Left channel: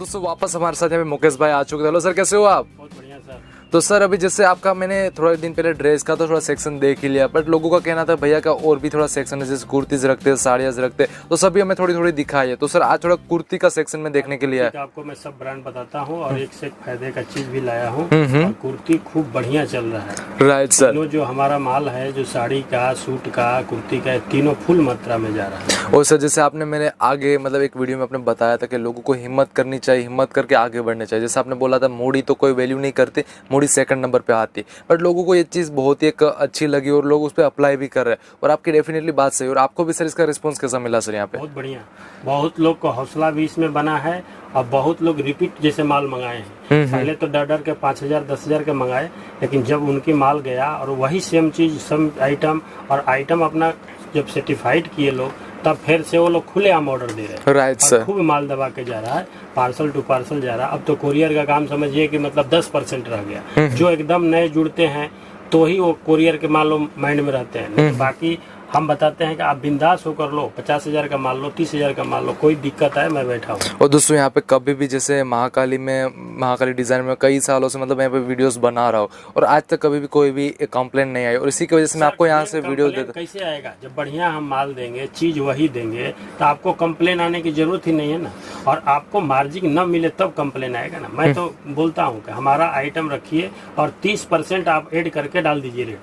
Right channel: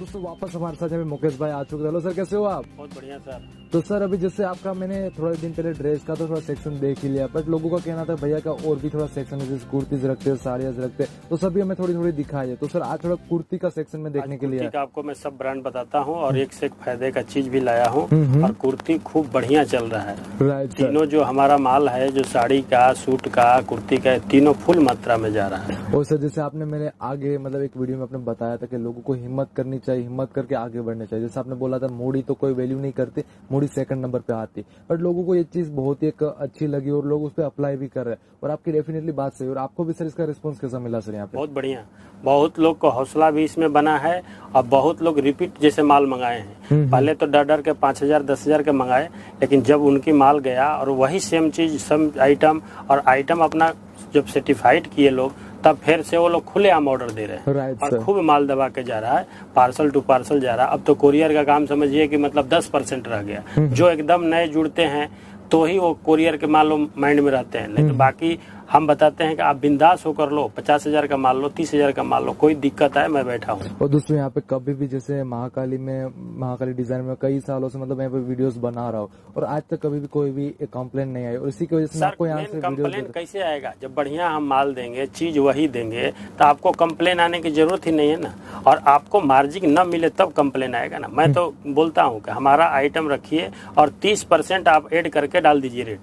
दोस्तों वापस हमारे साथ यहाँ पे मुकेश भाई आ चुके थे। हेलो सर, कैसे हो आप? बहुत बढ़िया सर। तो सर अभी जैसे आपका मैंने थोड़ा दिन पहले ड्रेस का तो थोड़ा सेक्शन देख ही लिया, बट लोगों का कहना था भैया का और भी थोड़ा सेक्शन है, जैसे कुर्तीज रखते हैं, साड़ियाँ रखते हैं, तो सभी हमें थोड़ी थोड़ी दिखाई है। तो सर आज थोड़ा कुर्ती का सेक्शन में देखने के लिए है। आपको मैं सब ब्रांड बताता हूँ और एक से एक फायदे का चीज भी लाया हूँ और कुर्ती खूब बढ़िया चल रहा है। Right sir. तीनों जो हमारा माल है, जो साड़ी का, सूट का, कुर्ती का, तीनों फुल मात्रा में जा रहा है। और सर जैसे आपने मैंने आगे मतलब एक वीडियो में आपने बताया था कि लोगों को हिम्मत करनी चाहिए, हिम्मत करके आगे बढ़ना चाहिए। जैसे आपने बोला था मूडी तो कोई वैल्यू नहीं करती, मूडी सेकंड नंबर पे आती, बट लोगों को ये चीज़ बहुत ही एक अच्छी लगी और लोग उस पर अप्लाई भी कर रहे हैं। और आपकी डेफिनेटली बात सही। और आपको भी सर इसका रिस्पॉन्स कैसा मिला सर यहाँ पे? बहुत बढ़िया, बहुत लोग को हौसला भी इसमें बना है और बहुत लोग रिपीट जैसे माल मंगाए हैं। पहले तो डर डर के 5,000 10,000 के मंगाए, लेकिन जब उनकी माल गया और वही सेम चीज सेम आइटम और आइटम अपना जब सर्टिफाइड किए लोग, तब फिर से वो लोग खुलेआम ऑर्डर दे रहे हैं। Right sir. खूब माल दबा के जा रहा है, पार्सल टू पार्सल जा रहा है। अब तो कोरियर का काम समझिए कि मतलब 10% रह गया। जो एकदम नए जुड़ते हैं तो ही वो कोरियर के मान लो माइंड में रहते हैं, लेकिन बाकी हम बताते हैं कि आप बिंदास होकर लो, 50,000 का मान लो, 30,000 का मान लो, कोई दिक्कत है मैं बैठा हूँ। और दोस्तों यहाँ पे कभी भी जैसे महाकाली डिजाइन में कई सालों से मतलब यहाँ पे वीडियोस बना रहा हूँ और आज तक कभी भी कोई भी कंप्लेंट नहीं आई, और इसी की वजह से मैं आपको यहाँ से वीडियो देता। कैसे आएगा? जब बढ़िया हम माल देंगे, चीज वही देंगे, तो आपको कंप्लेन आने की जरूरत ही नहीं है ना। और आपको मार्जिन न मिले तब कंप्लेन आएगा ना। मैं तो बोलता हूँ कि हमारा आइटम रखिए और 30% आप ऐड करके डाल दीजिए रेट,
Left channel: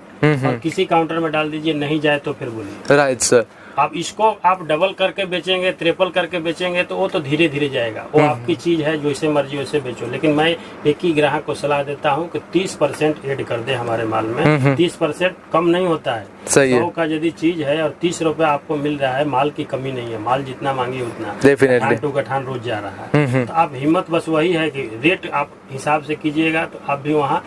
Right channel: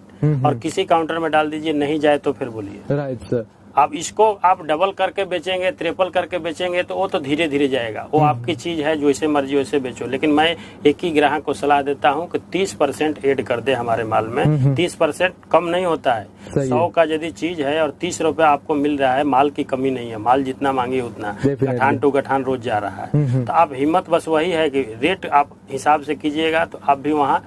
और किसी काउंटर में डाल दीजिए, नहीं जाए तो फिर बोलिए। Right sir. आप इसको आप डबल करके बेचेंगे, ट्रिपल करके बेचेंगे तो वो तो धीरे धीरे जाएगा। वो आपकी चीज है, जैसे मर्जी वैसे बेचो। लेकिन मैं एक ही ग्राहक को सलाह देता हूँ कि 30% ऐड कर दे हमारे माल में। 30% कम नहीं होता है। 100 का यदि चीज है और 30 रुपए आपको मिल रहा है, माल की कमी नहीं है। माल जितना मांगे उतना, गठान टू गठान रोज जा रहा है। तो आप हिम्मत बस वही है कि रेट आप हिसाब से कीजिएगा तो आप भी वहाँ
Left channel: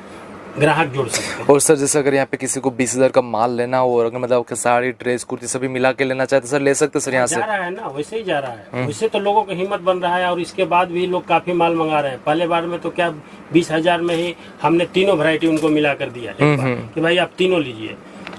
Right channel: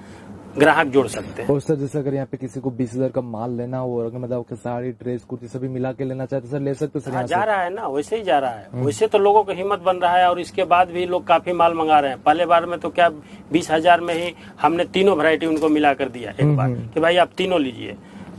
ग्राहक जोड़ सकते हैं। और सर जैसे अगर यहाँ पे किसी को 20,000 का माल लेना हो और अगर मतलब साड़ी, ड्रेस, कुर्ती सभी मिला के लेना चाहते सर ले सकते सर यहाँ से? जा रहा है ना, वैसे ही जा रहा है। वैसे तो लोगों को हिम्मत बन रहा है और इसके बाद भी लोग काफी माल मंगा रहे हैं। पहले बार में तो क्या 20,000 में ही हमने तीनों वैरायटी उनको मिला कर दिया एक बार कि भाई आप तीनों लीजिए,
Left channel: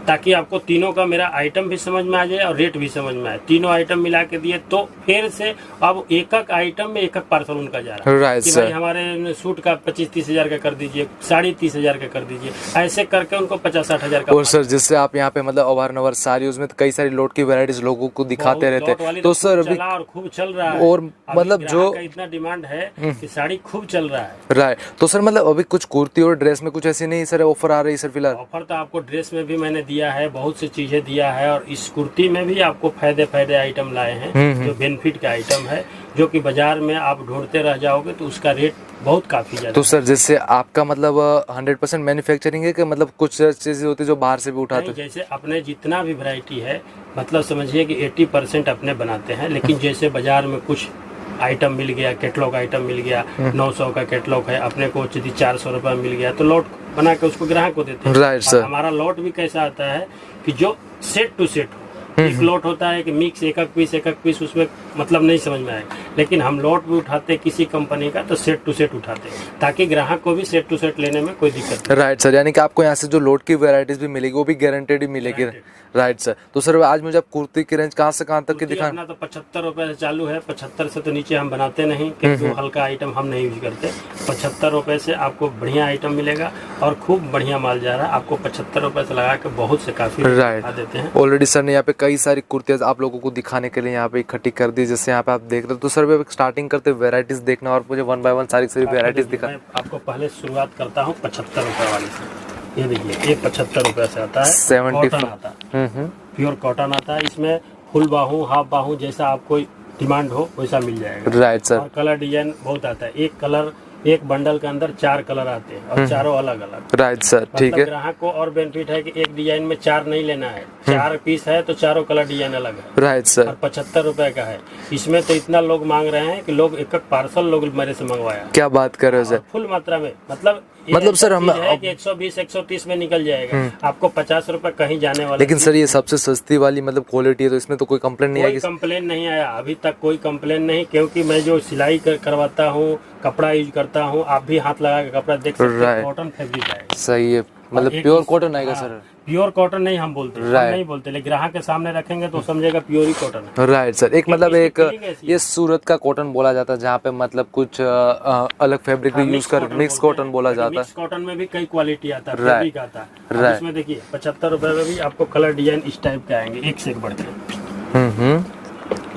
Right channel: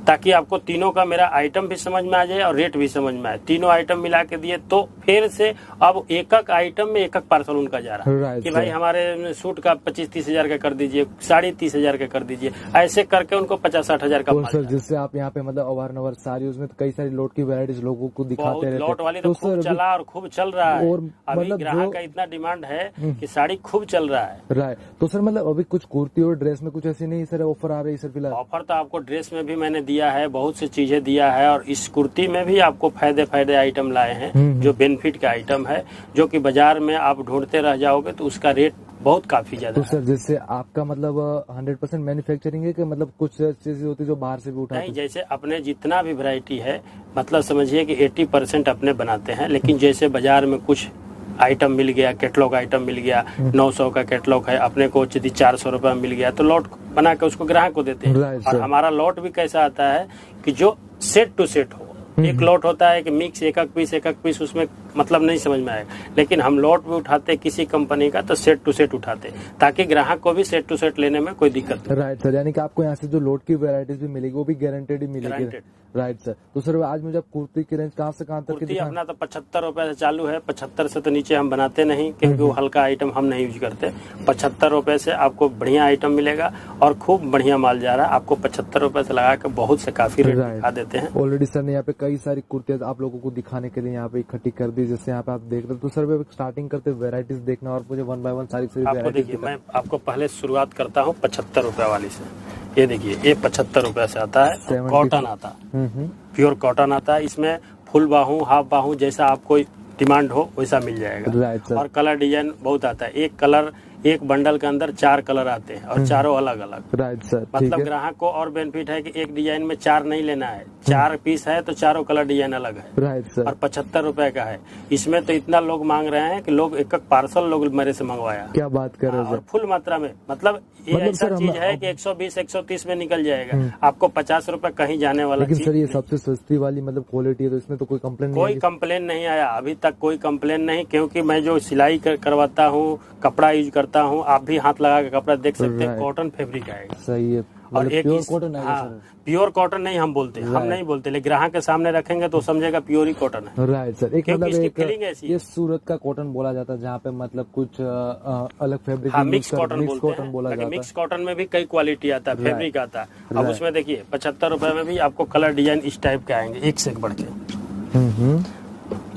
ताकि आपको तीनों का मेरा आइटम भी समझ में आ जाए और रेट भी समझ में आए। तीनों आइटम मिला के दिए तो फिर से अब एक एक आइटम में एक एक पार्सल उनका जा रहा है। राइट कि सर। भाई हमारे सूट का 25-30,000 का कर दीजिए, साड़ी 30,000 का कर दीजिए, ऐसे करके उनको 50-60,000 का। और सर जैसे आप यहाँ पे मतलब अवारनवर साड़ी, उसमें तो कई सारी लोट की वैरायटीज लोगों को दिखाते रहते हैं, तो सर अभी और खूब चल रहा है। और मतलब जो इतना डिमांड है कि साड़ी खूब चल रहा है। राइट। तो सर मतलब अभी कुछ कुर्ती और ड्रेस में कुछ ऐसी नहीं सर ऑफर आ रही सर फिलहाल? ऑफर तो आपको ड्रेस में भी मैंने दिया है, बहुत सी चीजें दिया है, और इस कुर्ती में भी आपको फायदे आइटम लाए हैं जो बेनिफिट का आइटम है, जो कि बाजार में आप ढूंढते रह जाओगे तो उसका रेट बहुत काफी ज्यादा। तो सर जैसे आपका मतलब 100% मैन्युफैक्चरिंग है कि मतलब कुछ चीजें होती है जो बाहर से भी उठाते हैं? जैसे अपने जितना भी वैरायटी है, मतलब समझिए कि 80% अपने बनाते हैं। लेकिन जैसे बाजार में कुछ आइटम मिल गया, कैटलॉग आइटम मिल गया, 900 का कैटलॉग है, अपने को यदि 400 रुपये मिल गया तो लॉट बना के उसको ग्राहक को देते हैं। Right sir. हमारा लॉट भी कैसा आता है कि जो सेट टू सेट हो। एक लॉट होता है कि मिक्स एक एक पीस उसमें मतलब नहीं समझ में आए, लेकिन हम लॉट भी उठाते किसी कंपनी का तो सेट टू सेट उठाते हैं, ताकि ग्राहक को भी सेट टू सेट लेने में कोई दिक्कत नहीं। Right sir. यानी कि आपको यहाँ से जो लोट की वैरायटीज भी मिलेगी वो भी गारंटेड ही मिलेगी। Right sir. तो सर आज मुझे आप कुर्ती की रेंज कहाँ से कहाँ तक की दिखाएं? अपना तो 75 रुपए से चालू है। 75 से तो नीचे हम बनाते नहीं, क्योंकि वो हल्का आइटम हम नहीं यूज करते। 75 रुपए से आपको बढ़िया आइटम मिलेगा और खूब बढ़िया माल जा रहा है। आपको 75 रुपए से लगा के बहुत से काफी दिखा देते हैं। ऑलरेडी सर ने यहाँ पे कई सारी कुर्तियाँ आप लोगों को दिखाने के लिए यहाँ पे इकट्ठी कर दी, जैसे यहाँ पे आप देख रहे हो। तो सर स्टार्टिंग करते वैरायटीज देखना और मुझे 1 बाय 1 सारी वैरायटीज दिखा। मैं आपको पहले शुरुआत करता हूँ 75 रुपए वाली से। ये देखिए, ये 75 रुपए से आता है, कॉटन आता है, प्योर कॉटन आता है। इसमें फुल बाहू, हाफ बाहू, जैसा आपको डिमांड हो वैसा मिल जाएगा। Right sir. और कलर डिजाइन बहुत आता है। एक कलर, एक बंडल के अंदर 4 कलर आते हैं और चारों अलग अलग। राइट सर, ठीक है। ग्राहक को और बेनिफिट है कि एक डिजाइन में 4 नहीं लेना है, 4 पीस है तो चारों कलर डिजाइन अलग है। Right sir. और 75 रुपए का है। इसमें तो इतना लोग मांग रहे हैं कि लोग एक पार्सल लोग मेरे से मंगवाया। क्या बात कर रहे हो सर? फुल मात्रा में, मतलब सर हम 120-130 में निकल जाएगा। आपको 50 रुपए कहीं जाने वाला। लेकिन सर ये सबसे सस्ती वाली मतलब क्वालिटी है, तो इसमें तो कोई कंप्लेंट नहीं आएगी? कोई कंप्लेन नहीं आया अभी तक, कोई कंप्लेन नहीं, क्योंकि मैं जो सिलाई करवाता हूँ, कपड़ा यूज करता हूँ, आप भी हाथ लगा के कपड़ा देख सकते हैं, कॉटन फैब्रिक है। सही है। मतलब प्योर कॉटन आएगा सर? प्योर कॉटन नहीं हम बोलते, हम नहीं बोलते, लेकिन ग्राहक के सामने रखेंगे तो समझेगा प्योर ही कॉटन है। Right sir. एक मतलब इसकी एक फिटिंग ऐसी ये सूरत का कॉटन बोला जाता है जहाँ पे मतलब कुछ अलग फैब्रिक भी यूज कर, मिक्स कॉटन बोला जाता है। मिक्स कॉटन में भी कई क्वालिटी आता है, फैब्रिक आता है। अब उसमें देखिए 75 रुपए में भी आपको कलर डिजाइन इस टाइप के आएंगे, एक से एक बढ़ के।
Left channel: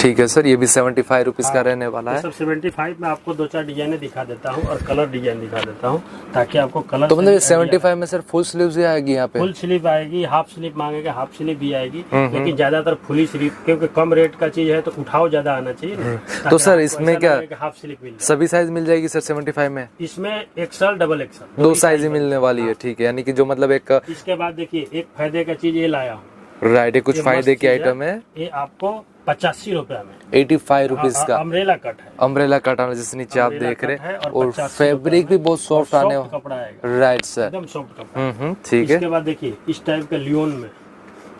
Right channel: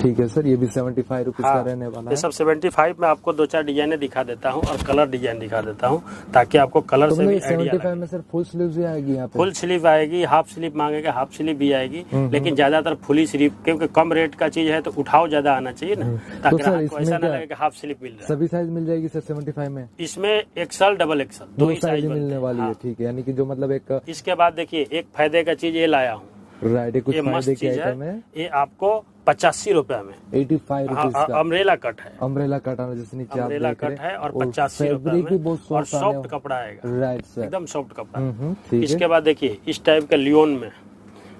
ठीक है सर। ये भी 75 रुपीज का रहने वाला है। सब 75 में आपको 2-4 डिजाइने दिखा देता हूँ और कलर डिजाइन दिखा देता हूँ ताकि आपको कलर। तो मतलब 75 में सर फुल स्लीव्स भी आएगी यहाँ पे? फुल स्लीव आएगी, हाफ स्लीव मांगेगा हाफ स्लीव भी आएगी, लेकिन ज्यादातर फुली स्लीव, क्योंकि कम रेट का चीज है तो उठाव ज्यादा आना चाहिए ना। तो सर इसमें क्या हाफ स्लीव मिल सभी साइज मिल जाएगी सर 75 में? इसमें एक्सल डबल एक्सल दो साइज ही मिलने वाली है। ठीक है, यानी कि जो मतलब एक इसके बाद देखिए एक फायदे का चीज ये लाया हूँ। राइट, कुछ फायदे की आइटम है। ये आपको 85 रुपए में 85 रुपीज का अम्ब्रेला कट है। अम्ब्रेला कट आना जिस नीचे आप देख रहे हैं, और 85 फैब्रिक भी बहुत सॉफ्ट आने वाला कपड़ा आएगा। राइट सर, एकदम सॉफ्ट कपड़ा। ठीक है। इसके बाद देखिए इस टाइप का लियोन में,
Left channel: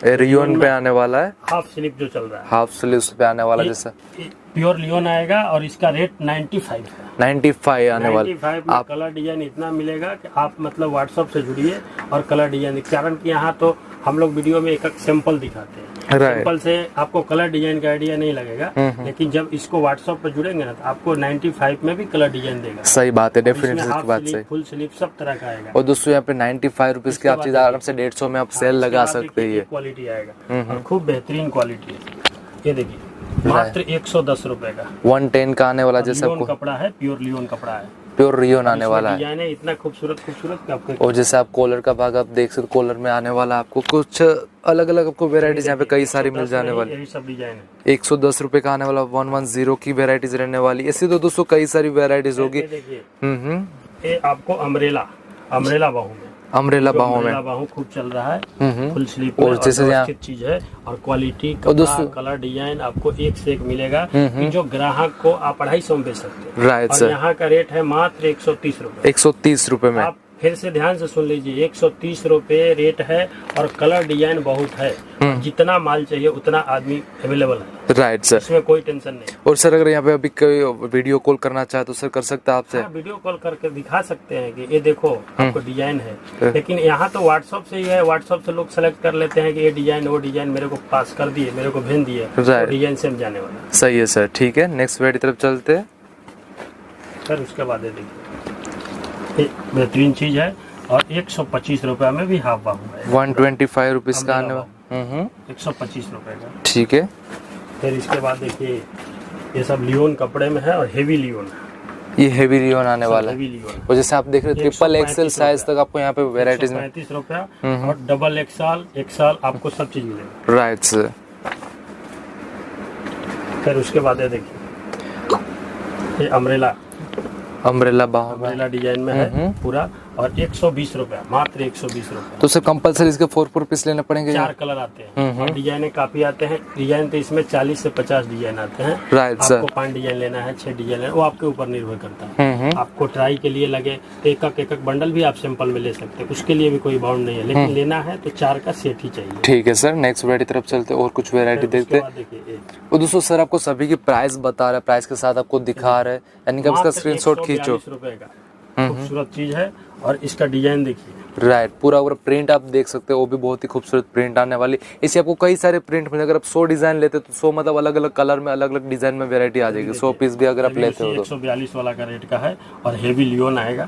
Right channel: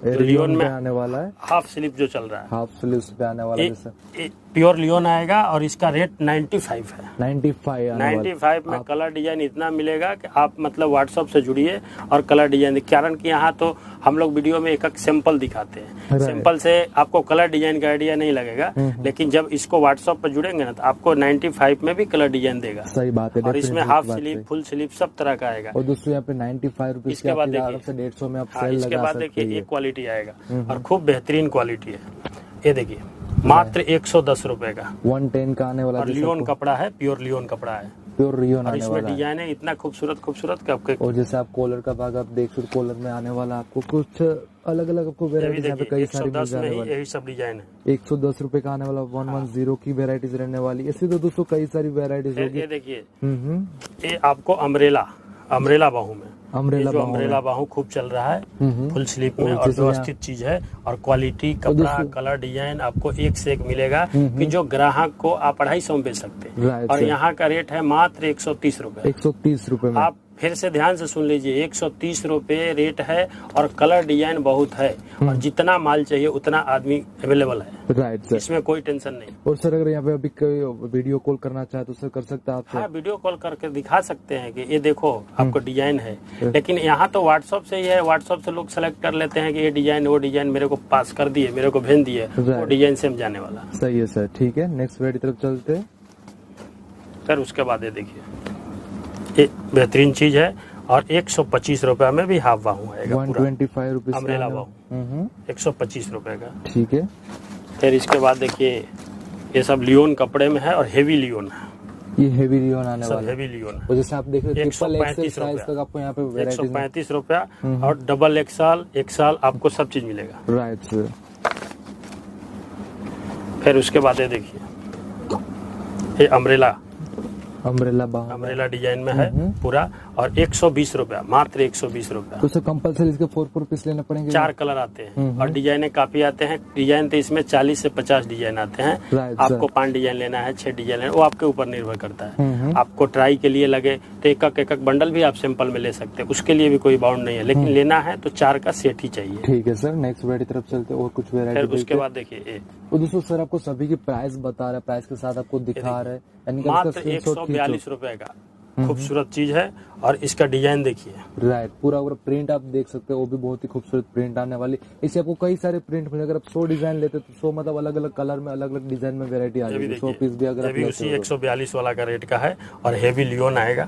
रियोन पे आने वाला है, हाफ स्लीव जो चल रहा है, हाफ स्लीव्स पे आने वाला जैसा प्योर लियोन आएगा और इसका रेट 95 है। 95 आने वाला। 95 में कलर डिजाइन इतना मिलेगा कि आप मतलब व्हाट्सएप से जुड़िए और कलर डिजाइन, कारण कि यहाँ तो हम लोग वीडियो में एक एक सैंपल दिखाते हैं। सैंपल से आपको कलर डिजाइन का आइडिया नहीं लगेगा, लेकिन जब इसको व्हाट्सएप पर जुड़ेंगे ना तो आपको 95 में भी कलर डिजाइन देगा। सही बात है, डेफिनेटली हाफ बात स्लीव, सही। फुल स्लीव सब तरह का आएगा। और दोस्तों यहाँ पे 95 रुपीज की आप चीज आराम से 150 में आप सेल लगा सकते हैं। क्वालिटी आएगा और खूब बेहतरीन क्वालिटी है। ये देखिए मात्र 110 रुपए का 110 का आने वाला, जैसे लियोन कपड़ा है, प्योर लियोन कपड़ा है, प्योर रियोन आने वाला है। डिजाइन है इतना खूबसूरत खूबसूरत कि आपके। और जैसे आप कॉलर का भाग आप देख सकते, कॉलर में आने वाला आपको कुछ अलग अलग आपको वेराइटीज यहाँ पे कई सारी मिल जाने वाली। यही सब डिजाइन है। 110 रुपए का आने वाला 110 की वेराइटीज रहने वाली। ऐसी तो दोस्तों कई सारी वेराइटीज होगी। देखिए ये आपको अम्ब्रेला बाहू में, अम्ब्रेला बाहों में बाहू खूब चल रहा है, फुल स्लीव और जैसे व्यवस्थित चीज है और क्वालिटी कपड़ा कलर डिजाइन आपको एक से एक मिलेगा कि जो ग्राहक को आप 250 में बेच सकते हैं। राइट और सर, यहाँ का रेट है मात्र 130 रुपए। 130 रुपए में। आप फिर से ध्यान से सुन लीजिए, 130 रुपए रेट है और कलर डिजाइन बहुत है, और जितना माल चाहिए उतना आदमी अवेलेबल है। राइट सर, इसमें कोई टेंशन नहीं। और सर अगर यहाँ पे अभी कोई वीडियो कॉल करना चाहे तो सर कर सकता है आपसे? हाँ, वीडियो कॉल करके दिखा सकते हैं कि ये देखो आपको डिजाइन है, लेकिन यहाँ तो व्हाट्सएप से ही है। व्हाट्सएप से लोग सेलेक्ट कर लेते हैं कि ये डिजाइन वो डिजाइन मेरे को पास कर दिए, मेरे को भेज दिए, तो डिजाइन सेम जाने वाला। सही है सर, ठीक है। नेक्स्ट वेट की तरफ चलते हैं सर। उसके बाद ये देखिए ये बेहतरीन चीज है और 125 रुपए में भी हाफ बाहू है। 125 रुपीज का आने वाला, 125 रुपए का, ठीक है। फिर इसके बाद देखिए ये सब लियोन कपड़े में है और हेवी लियोन है। ये हेवी रियोन आने वाला है। हेवी लियोन और जैसे आप देख रहे हैं ट्रिपल एक्सेल साइज तक आपको यहाँ पे वेराइटीज में 35 रुपया और डबल एक्सल आपको सब चीज मिलेगा। Right sir. फिर उसके बाद ये देखिए ये अम्ब्रेला बाहों डिजाइन में है पूरा और 120 रुपया, मात्र 120 रुपया। तो सर कंपलसरी इसके 4 पीस लेने पड़ेंगे? 4 कलर आते हैं और डिजाइने काफी आते हैं। डिजाइन तो इसमें 40 से 50 डिजाइन आते हैं। Right sir. आपको 5 डिजाइन लेना है, 6 डिजाइन लेना है, वो आपके ऊपर निर्भर करता है। आपको ट्राई के लिए लगे तो एक बंडल भी आप सैंपल में ले सकते हैं, उसके लिए भी कोई बाउंड नहीं है, लेकिन लेना है तो 4 का सेट ही चाहिए। ठीक है सर। नेक्स्ट वेराइटी तरफ चलते और कुछ वेराइटी देखते हैं। देखिए और दोस्तों सर आपको सभी की प्राइस बता रहा है, प्राइस के साथ आपको दिखा रहा है, यानी कि इसका स्क्रीनशॉट खींचो। 142 रुपए का खूबसूरत चीज है और इसका डिजाइन देखिए। राइट, पूरा प्रिंट आप देख सकते हो, वो भी बहुत ही खूबसूरत प्रिंट आने वाली। इसे आपको कई सारे प्रिंट मिले। अगर आप 100 डिजाइन लेते तो 100 मतलब अलग अलग कलर में अलग अलग डिजाइन में वेरायटी आ जाएगी। 100 पीस भी अगर आप लेते हो तो 142 वाला का रेट का है और हेवी लियोन आएगा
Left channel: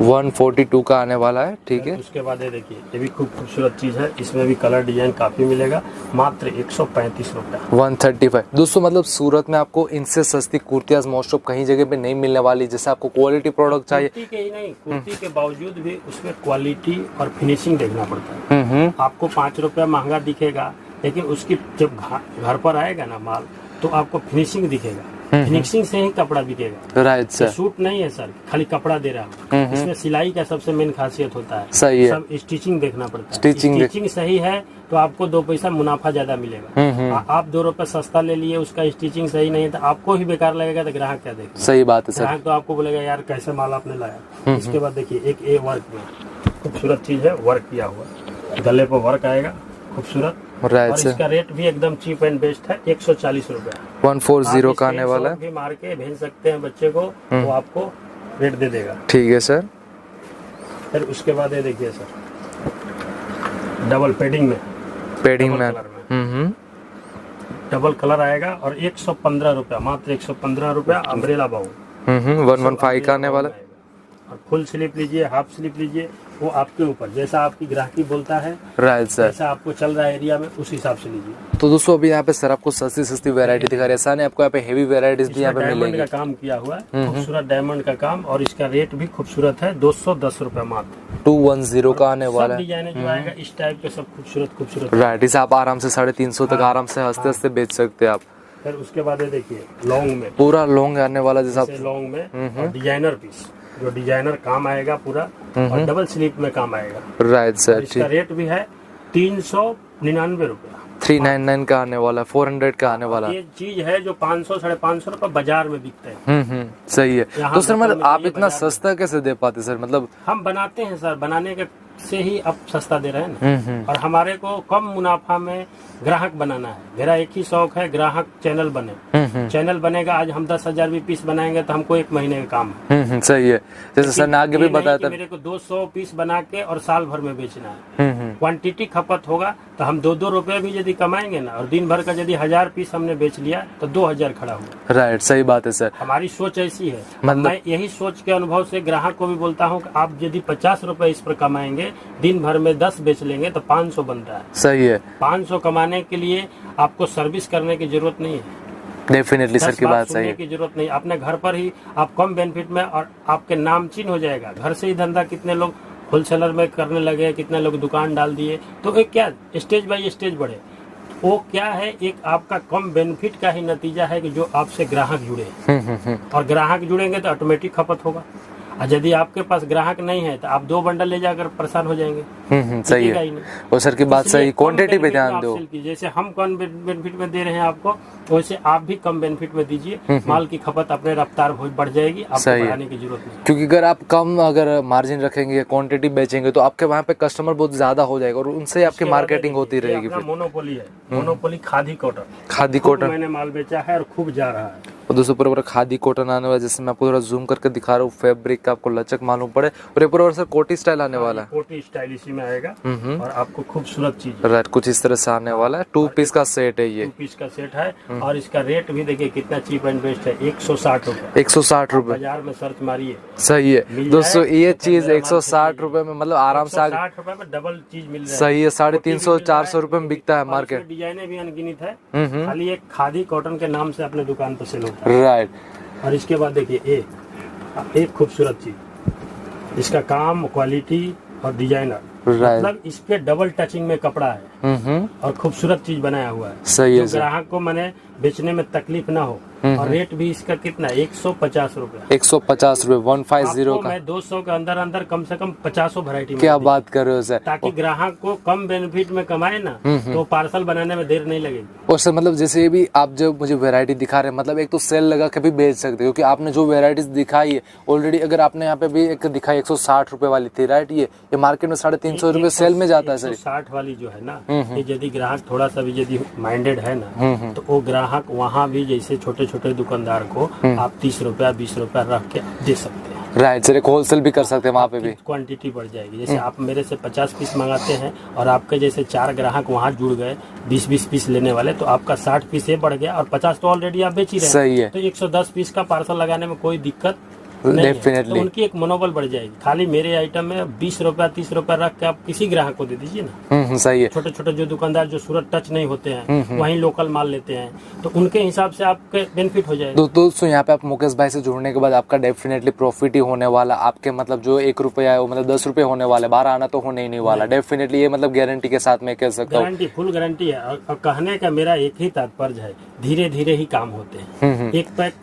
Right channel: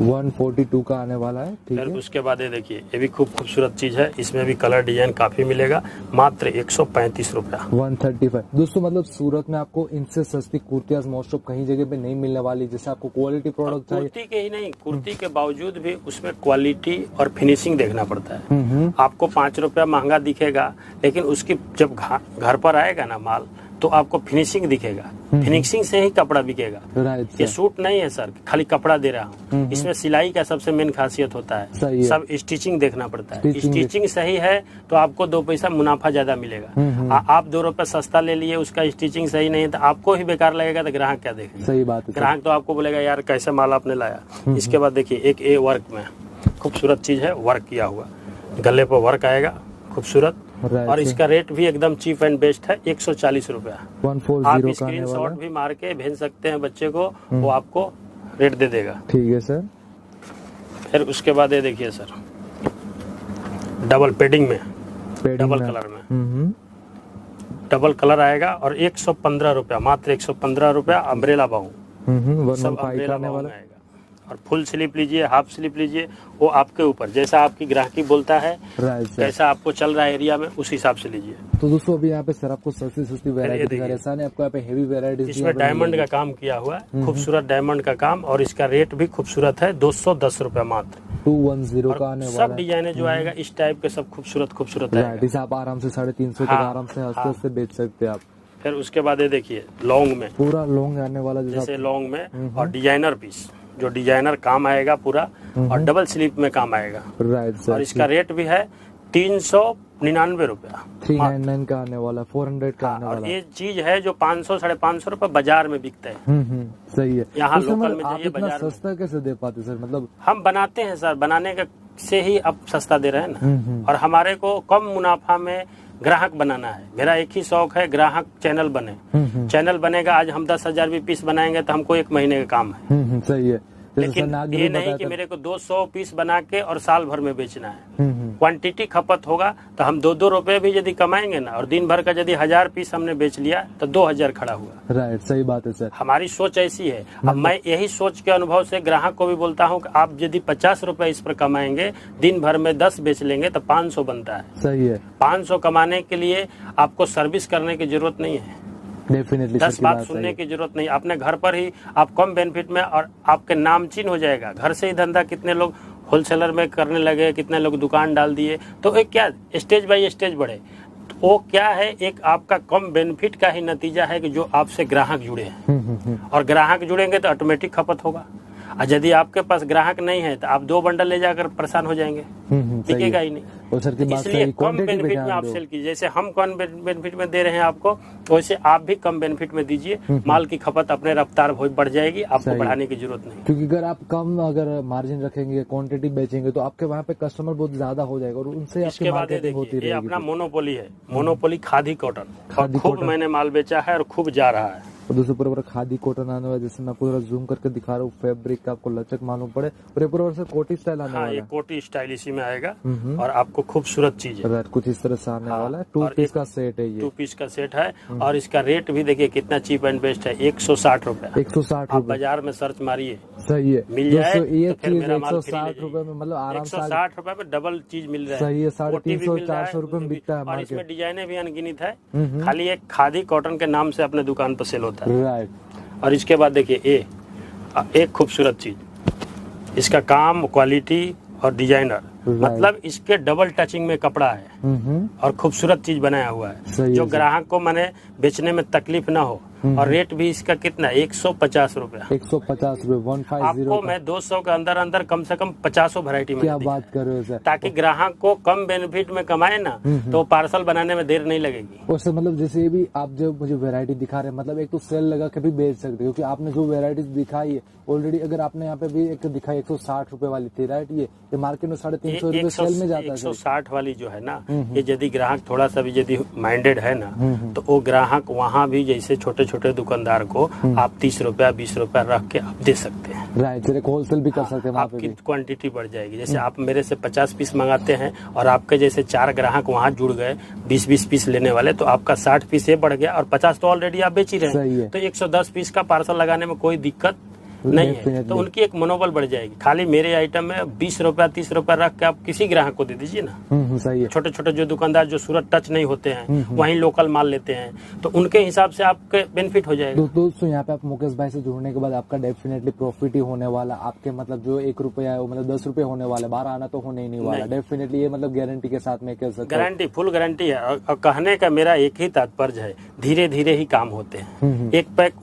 142 का आने वाला है, ठीक है। उसके बाद ये देखिए ये भी खूब खूबसूरत चीज है, इसमें भी कलर डिजाइन काफी मिलेगा, मात्र 135 रुपया। 135 दोस्तों, मतलब सूरत में आपको इनसे सस्ती कुर्तियां मोस्ट ऑफ कहीं जगह पे नहीं मिलने वाली। जैसे आपको क्वालिटी प्रोडक्ट चाहिए, कुर्ती के ही नहीं, कुर्ती के बावजूद भी उसमें क्वालिटी और फिनिशिंग देखना पड़ता है। आपको 5 रुपया महंगा दिखेगा, लेकिन उसकी जब घर पर आएगा ना माल तो आपको फिनिशिंग दिखेगा। फिनिशिंग से ही कपड़ा बिकेगा। Right sir. सूट नहीं है सर, खाली कपड़ा दे रहा हूँ। इसमें सिलाई का सबसे मेन खासियत होता है। सही है। सब स्टिचिंग देखना पड़ता है। स्टिचिंग सही है तो आपको 2 पैसा मुनाफा ज्यादा मिलेगा। आप 2 रुपया सस्ता ले लिए, उसका स्टिचिंग सही नहीं है तो आपको ही बेकार लगेगा, तो ग्राहक क्या देखेगा? सही बात है सर। ग्राहक तो आपको बोलेगा यार कैसे माल आपने लाया। इसके बाद देखिए एक ए वर्क में खूबसूरत चीज है, वर्क किया हुआ, गले पर वर्क आएगा खूबसूरत। और इसका रेट भी एकदम चीप एंड बेस्ट है, 140 रुपया। 140 का आने वाला है। भी मार के भेज सकते हैं बच्चे को, वो आपको रेट दे देगा। ठीक है सर। फिर उसके बाद ये देखिए सर डबल पेडिंग में, पेडिंग डबल में। कलर में डबल कलर आएगा और 115 रुपया, मात्र 115 रुपया अम्ब्रेला बाउंड। 115 का आने वाला। और फुल स्लीप लीजिए, हाफ स्लीप लीजिए, वो आपके ऊपर, जैसा आपकी ग्राहकी बोलता है, राइट सर। जैसा आपको चल रहा है एरिया में, उस हिसाब से लीजिए। तो दोस्तों अभी यहाँ पे सर आपको सस्ती सस्ती वैरायटी दिखा रहे हैं, ऐसा नहीं आपको यहाँ पे हेवी वैरायटीज भी यहाँ इसमें पे डायमंड मिलेंगी। का काम किया हुआ है, खूबसूरत डायमंड का काम, और इसका रेट भी खूबसूरत है, 210 रुपया मात्र। 210 का आने वाला सब है। डिजाइने जो आएगा इस टाइप के सब खूबसूरत खूबसूरत। राइट, इसे आप आराम से 350 तक हाँ, आराम से हंसते हंसते बेच सकते हैं आप। फिर उसके बाद ये देखिए लॉन्ग में, पूरा लॉन्ग आने वाला जैसा जैसे लॉन्ग में, और डिजाइनर पीस, जो डिजाइनर काम आएगा पूरा, और डबल स्लीप में काम आएगा। राइट और सर। इसका रेट भी है 399 रुपया। 399 का आने वाला, 400 का आने वाला। ये चीज है जो 500 550 रुपए बाजार में बिकते हैं। सही है। यहाँ तो सर लोकल मतलब में आप चाहिए इतना बाजार सस्ता कैसे दे पाते सर? मतलब हम बनाते हैं सर, बनाने के से ही अब सस्ता दे रहे हैं ना। और हमारे को कम मुनाफा में ग्राहक बनाना है। मेरा एक ही शौक है, ग्राहक चैनल बने। चैनल बनेगा, आज हम 10,000 भी पीस बनाएंगे तो हमको 1 महीने का काम है। सही है। जैसे सर ने आगे भी ये नहीं बताया कि था। मेरे को 200 पीस बना के और साल भर में बेचना है। क्वांटिटी खपत होगा तो हम 2-2 रुपए भी यदि कमाएंगे ना, और दिन भर का यदि 1000 पीस हमने बेच लिया तो 2000 खड़ा हुआ। राइट, सही बात है सर। हमारी सोच ऐसी है। मैं यही सोच के अनुभव से ग्राहक को भी बोलता हूँ कि आप यदि 50 रुपए इस पर कमाएंगे, दिन भर में 10 बेच लेंगे तो 500 बनता है। सही है। 500 कमाने के लिए आपको सर्विस करने की जरूरत नहीं है, डेफिनेटली सर 10 की बात बात सही सुनने है। की जरूरत नहीं। अपने घर पर ही आप कम बेनिफिट में, और आपके नामचीन हो जाएगा। घर से ही धंधा, कितने लोग होलसेलर में करने लगे, कितने लोग दुकान डाल दिए, तो एक क्या स्टेज बाय स्टेज बढ़े। तो वो क्या है, एक आपका कम बेनिफिट का ही नतीजा है कि जो आपसे ग्राहक जुड़े हैं। और ग्राहक जुड़ेंगे तो ऑटोमेटिक खपत होगा। और यदि आपके पास ग्राहक नहीं है तो आप 2 बंडल ले जाकर परेशान हो जाएंगे। सही बिकेगा है। ही नहीं। और सर की बात इसलिए सही, कम क्वांटिटी पे बेनिफिट में ध्यान आप दो। सेल कीजिए। जैसे हम कम बेनिफिट में दे रहे हैं आपको, वैसे आप भी कम बेनिफिट में दीजिए। माल की खपत अपने रफ्तार बढ़ जाएगी, आपको सही है। बढ़ाने की जरूरत नहीं। क्योंकि अगर आप कम मार्जिन रखेंगे, क्वांटिटी बेचेंगे, तो आपके वहाँ पे कस्टमर बहुत ज्यादा हो जाएगा और उनसे आपकी इसके बाद मार्केटिंग देखिए, होती ये रहेगी। अपना फिर मोनोपोली है, मोनोपोली खादी कॉटन। खादी खूब कॉटन। मैंने माल बेचा है और खूब जा रहा है। और दोस्तों पूरा खादी कॉटन आने वाला, जैसे मैं आपको थोड़ा जूम करके दिखा रहा हूँ, फैब्रिक का आपको लचक मालूम पड़े। और ये पूरा सर कोटी स्टाइल आने वाला है। कोटी स्टाइल इसी में आएगा और आपको खूबसूरत चीज है। राइट, कुछ इस तरह से आने वाला है। 2 पीस का सेट है ये। 2 पीस का सेट है और इसका रेट भी देखिए कितना चीप एंड बेस्ट है, 160 रुपए। 160 रुपए। बाजार में सर्च मारिए, सही है मिल दोस्तों, जाए ये तो फिर चीज मेरा माल 160 खरीदिए। रुपए में मतलब आराम से 160 रुपए में डबल चीज मिल रहा है। सही है। 350 मिल रहा है, 400 रुपए में बिकता है और मार्केट। इसमें डिजाइने भी अनगिनत है। खाली एक खादी कॉटन के नाम से अपने दुकान पर सेल होता है। राइट। और इसके बाद देखिए एक खूबसूरत चीज, इसका काम, क्वालिटी और डिजाइनर, मतलब इसके डबल टचिंग में कपड़ा है और खूबसूरत चीज बनाया हुआ है। सही है जो ग्राहक को मैंने बेचने में तकलीफ ना हो। और रेट भी इसका कितना, 150 रुपए। 150 रुपए, 150 आपको का। मैं 200 के अंदर अंदर कम से कम 50 वैरायटी में क्या दी। बात कर रहे हो सर? ताकि ग्राहक को कम बेनिफिट में कमाए ना, तो पार्सल बनाने में देर नहीं लगेगी। और सर मतलब जैसे ये भी आप जब मुझे वैरायटी दिखा रहे हैं, मतलब एक तो सेल लगा के भी बेच सकते हो, क्योंकि आपने जो वैरायटीज दिखाई है ऑलरेडी, अगर आपने यहाँ पे भी एक दिखाई 160 रुपए वाली थी, राइट, ये मार्केट में 350 रुपए सेल में जाता है सर। 160 वाली जो है ना, ये यदि ग्राहक थोड़ा सा भी यदि माइंडेड है ना, तो वो ग्राहक वहाँ भी जैसे छोटे छोटे दुकानदार को आप 30 रुपया 20 रुपया रख के आप दे सकते हैं। राइट सर, एक होलसेल भी कर सकते हैं वहाँ पे भी। क्वांटिटी बढ़ जाएगी। जैसे आप मेरे से 50 पीस मंगाते हैं और आपके जैसे 4 ग्राहक वहाँ जुड़ गए 20-20 पीस लेने वाले, तो आपका 60 पीस ये बढ़ गया और 50 तो ऑलरेडी आप बेच ही रहे हैं। सही है। तो 110 पीस का पार्सल लगाने में कोई दिक्कत नहीं है। तो उनकी एक मनोबल बढ़ जाएगी। खाली मेरे आइटम में 20 रुपया 30 रुपया रख के आप किसी ग्राहक को दे दीजिए ना। सही है। छोटे छोटे जो दुकानदार जो सूरत टच नहीं होते हैं, वहीं लोकल माल लेते हैं, तो उनके हिसाब से आपके बेनिफिट हो जाएगा। दोस्तों यहाँ पे आप मुकेश भाई से जुड़ने के बाद आपका डेफिनेटली प्रॉफिट ही होने वाला। आपके मतलब जो 1 रुपया है वो मतलब 10 रुपये होने वाले, 12 आना तो होने ही नहीं वाला। डेफिनेटली ये मतलब गारंटी के साथ मैं कह सकता हूँ। गारंटी, फुल गारंटी है। और कहने का मेरा एक ही तात्पर्य है, धीरे धीरे ही काम होते हैं। एक पैक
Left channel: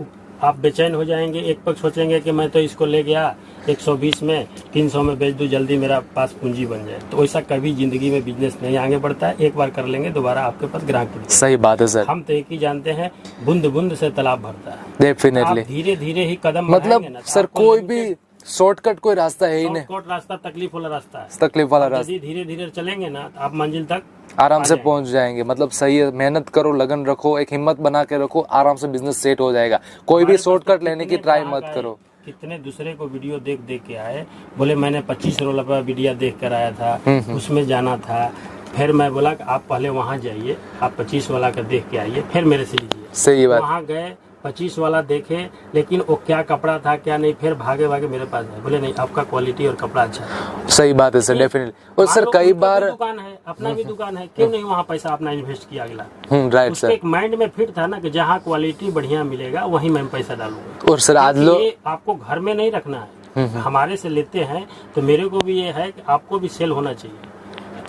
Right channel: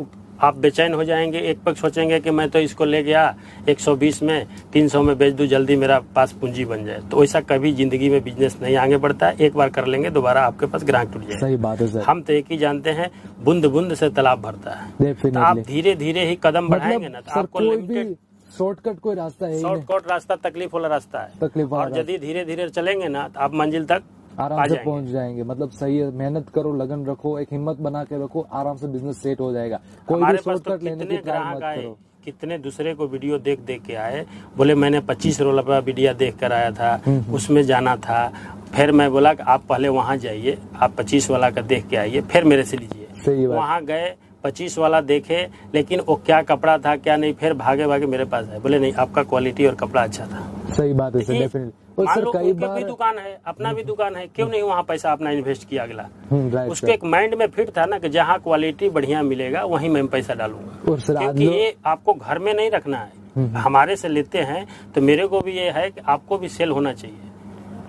आप बेचैन हो जाएंगे, एक पैक सोचेंगे कि मैं तो इसको ले गया 120 में 300 में बेच दूं, जल्दी मेरा पास पूंजी बन जाए, तो ऐसा कभी जिंदगी में बिजनेस नहीं आगे बढ़ता है। एक बार कर लेंगे दोबारा आपके पास ग्राहक नहीं। सही बात है सर। हम तो एक ही जानते हैं, बूंद बूंद से तालाब भरता है। डेफिनेटली आप धीरे धीरे ही कदम मतलब सर कोई भी शॉर्टकट कोई रास्ता है ही नहीं। शॉर्टकट रास्ता तकलीफ वाला रास्ता है। तकलीफ वाला रास्ता, यदि धीरे धीरे चलेंगे ना तो आप मंजिल तक आराम से पहुंच जाएंगे। मतलब सही है, मेहनत करो, लगन रखो, एक हिम्मत बना के रखो, आराम से बिजनेस सेट हो जाएगा। कोई भी शॉर्टकट लेने की ट्राई मत करो। कितने दूसरे को वीडियो देख देख के आए, बोले मैंने 25 रोल का वीडियो देख कर आया था, उसमें जाना था। फिर मैं बोला कि आप पहले वहाँ जाइए, आप 25 वाला का देख के आइए, फिर मेरे से लीजिए। सही बात। वहाँ गए, 25 वाला देखे, लेकिन वो क्या कपड़ा था क्या नहीं, फिर भागे भागे मेरे पास आए, बोले नहीं आपका क्वालिटी और कपड़ा अच्छा था। सही बात है सर, डेफिनेटली। और सर कई बार दुकान है, अपना भी दुकान है, क्यों नहीं वहाँ पैसा अपना इन्वेस्ट किया अगला। राइट उसके सर। एक माइंड में फिट था ना कि जहाँ क्वालिटी बढ़िया मिलेगा वहीं मैं पैसा डालूंगा। और सर आज क्योंकि लोग ये आपको घर में नहीं रखना है, हमारे से लेते हैं तो मेरे को भी ये है कि आपको भी सेल होना चाहिए।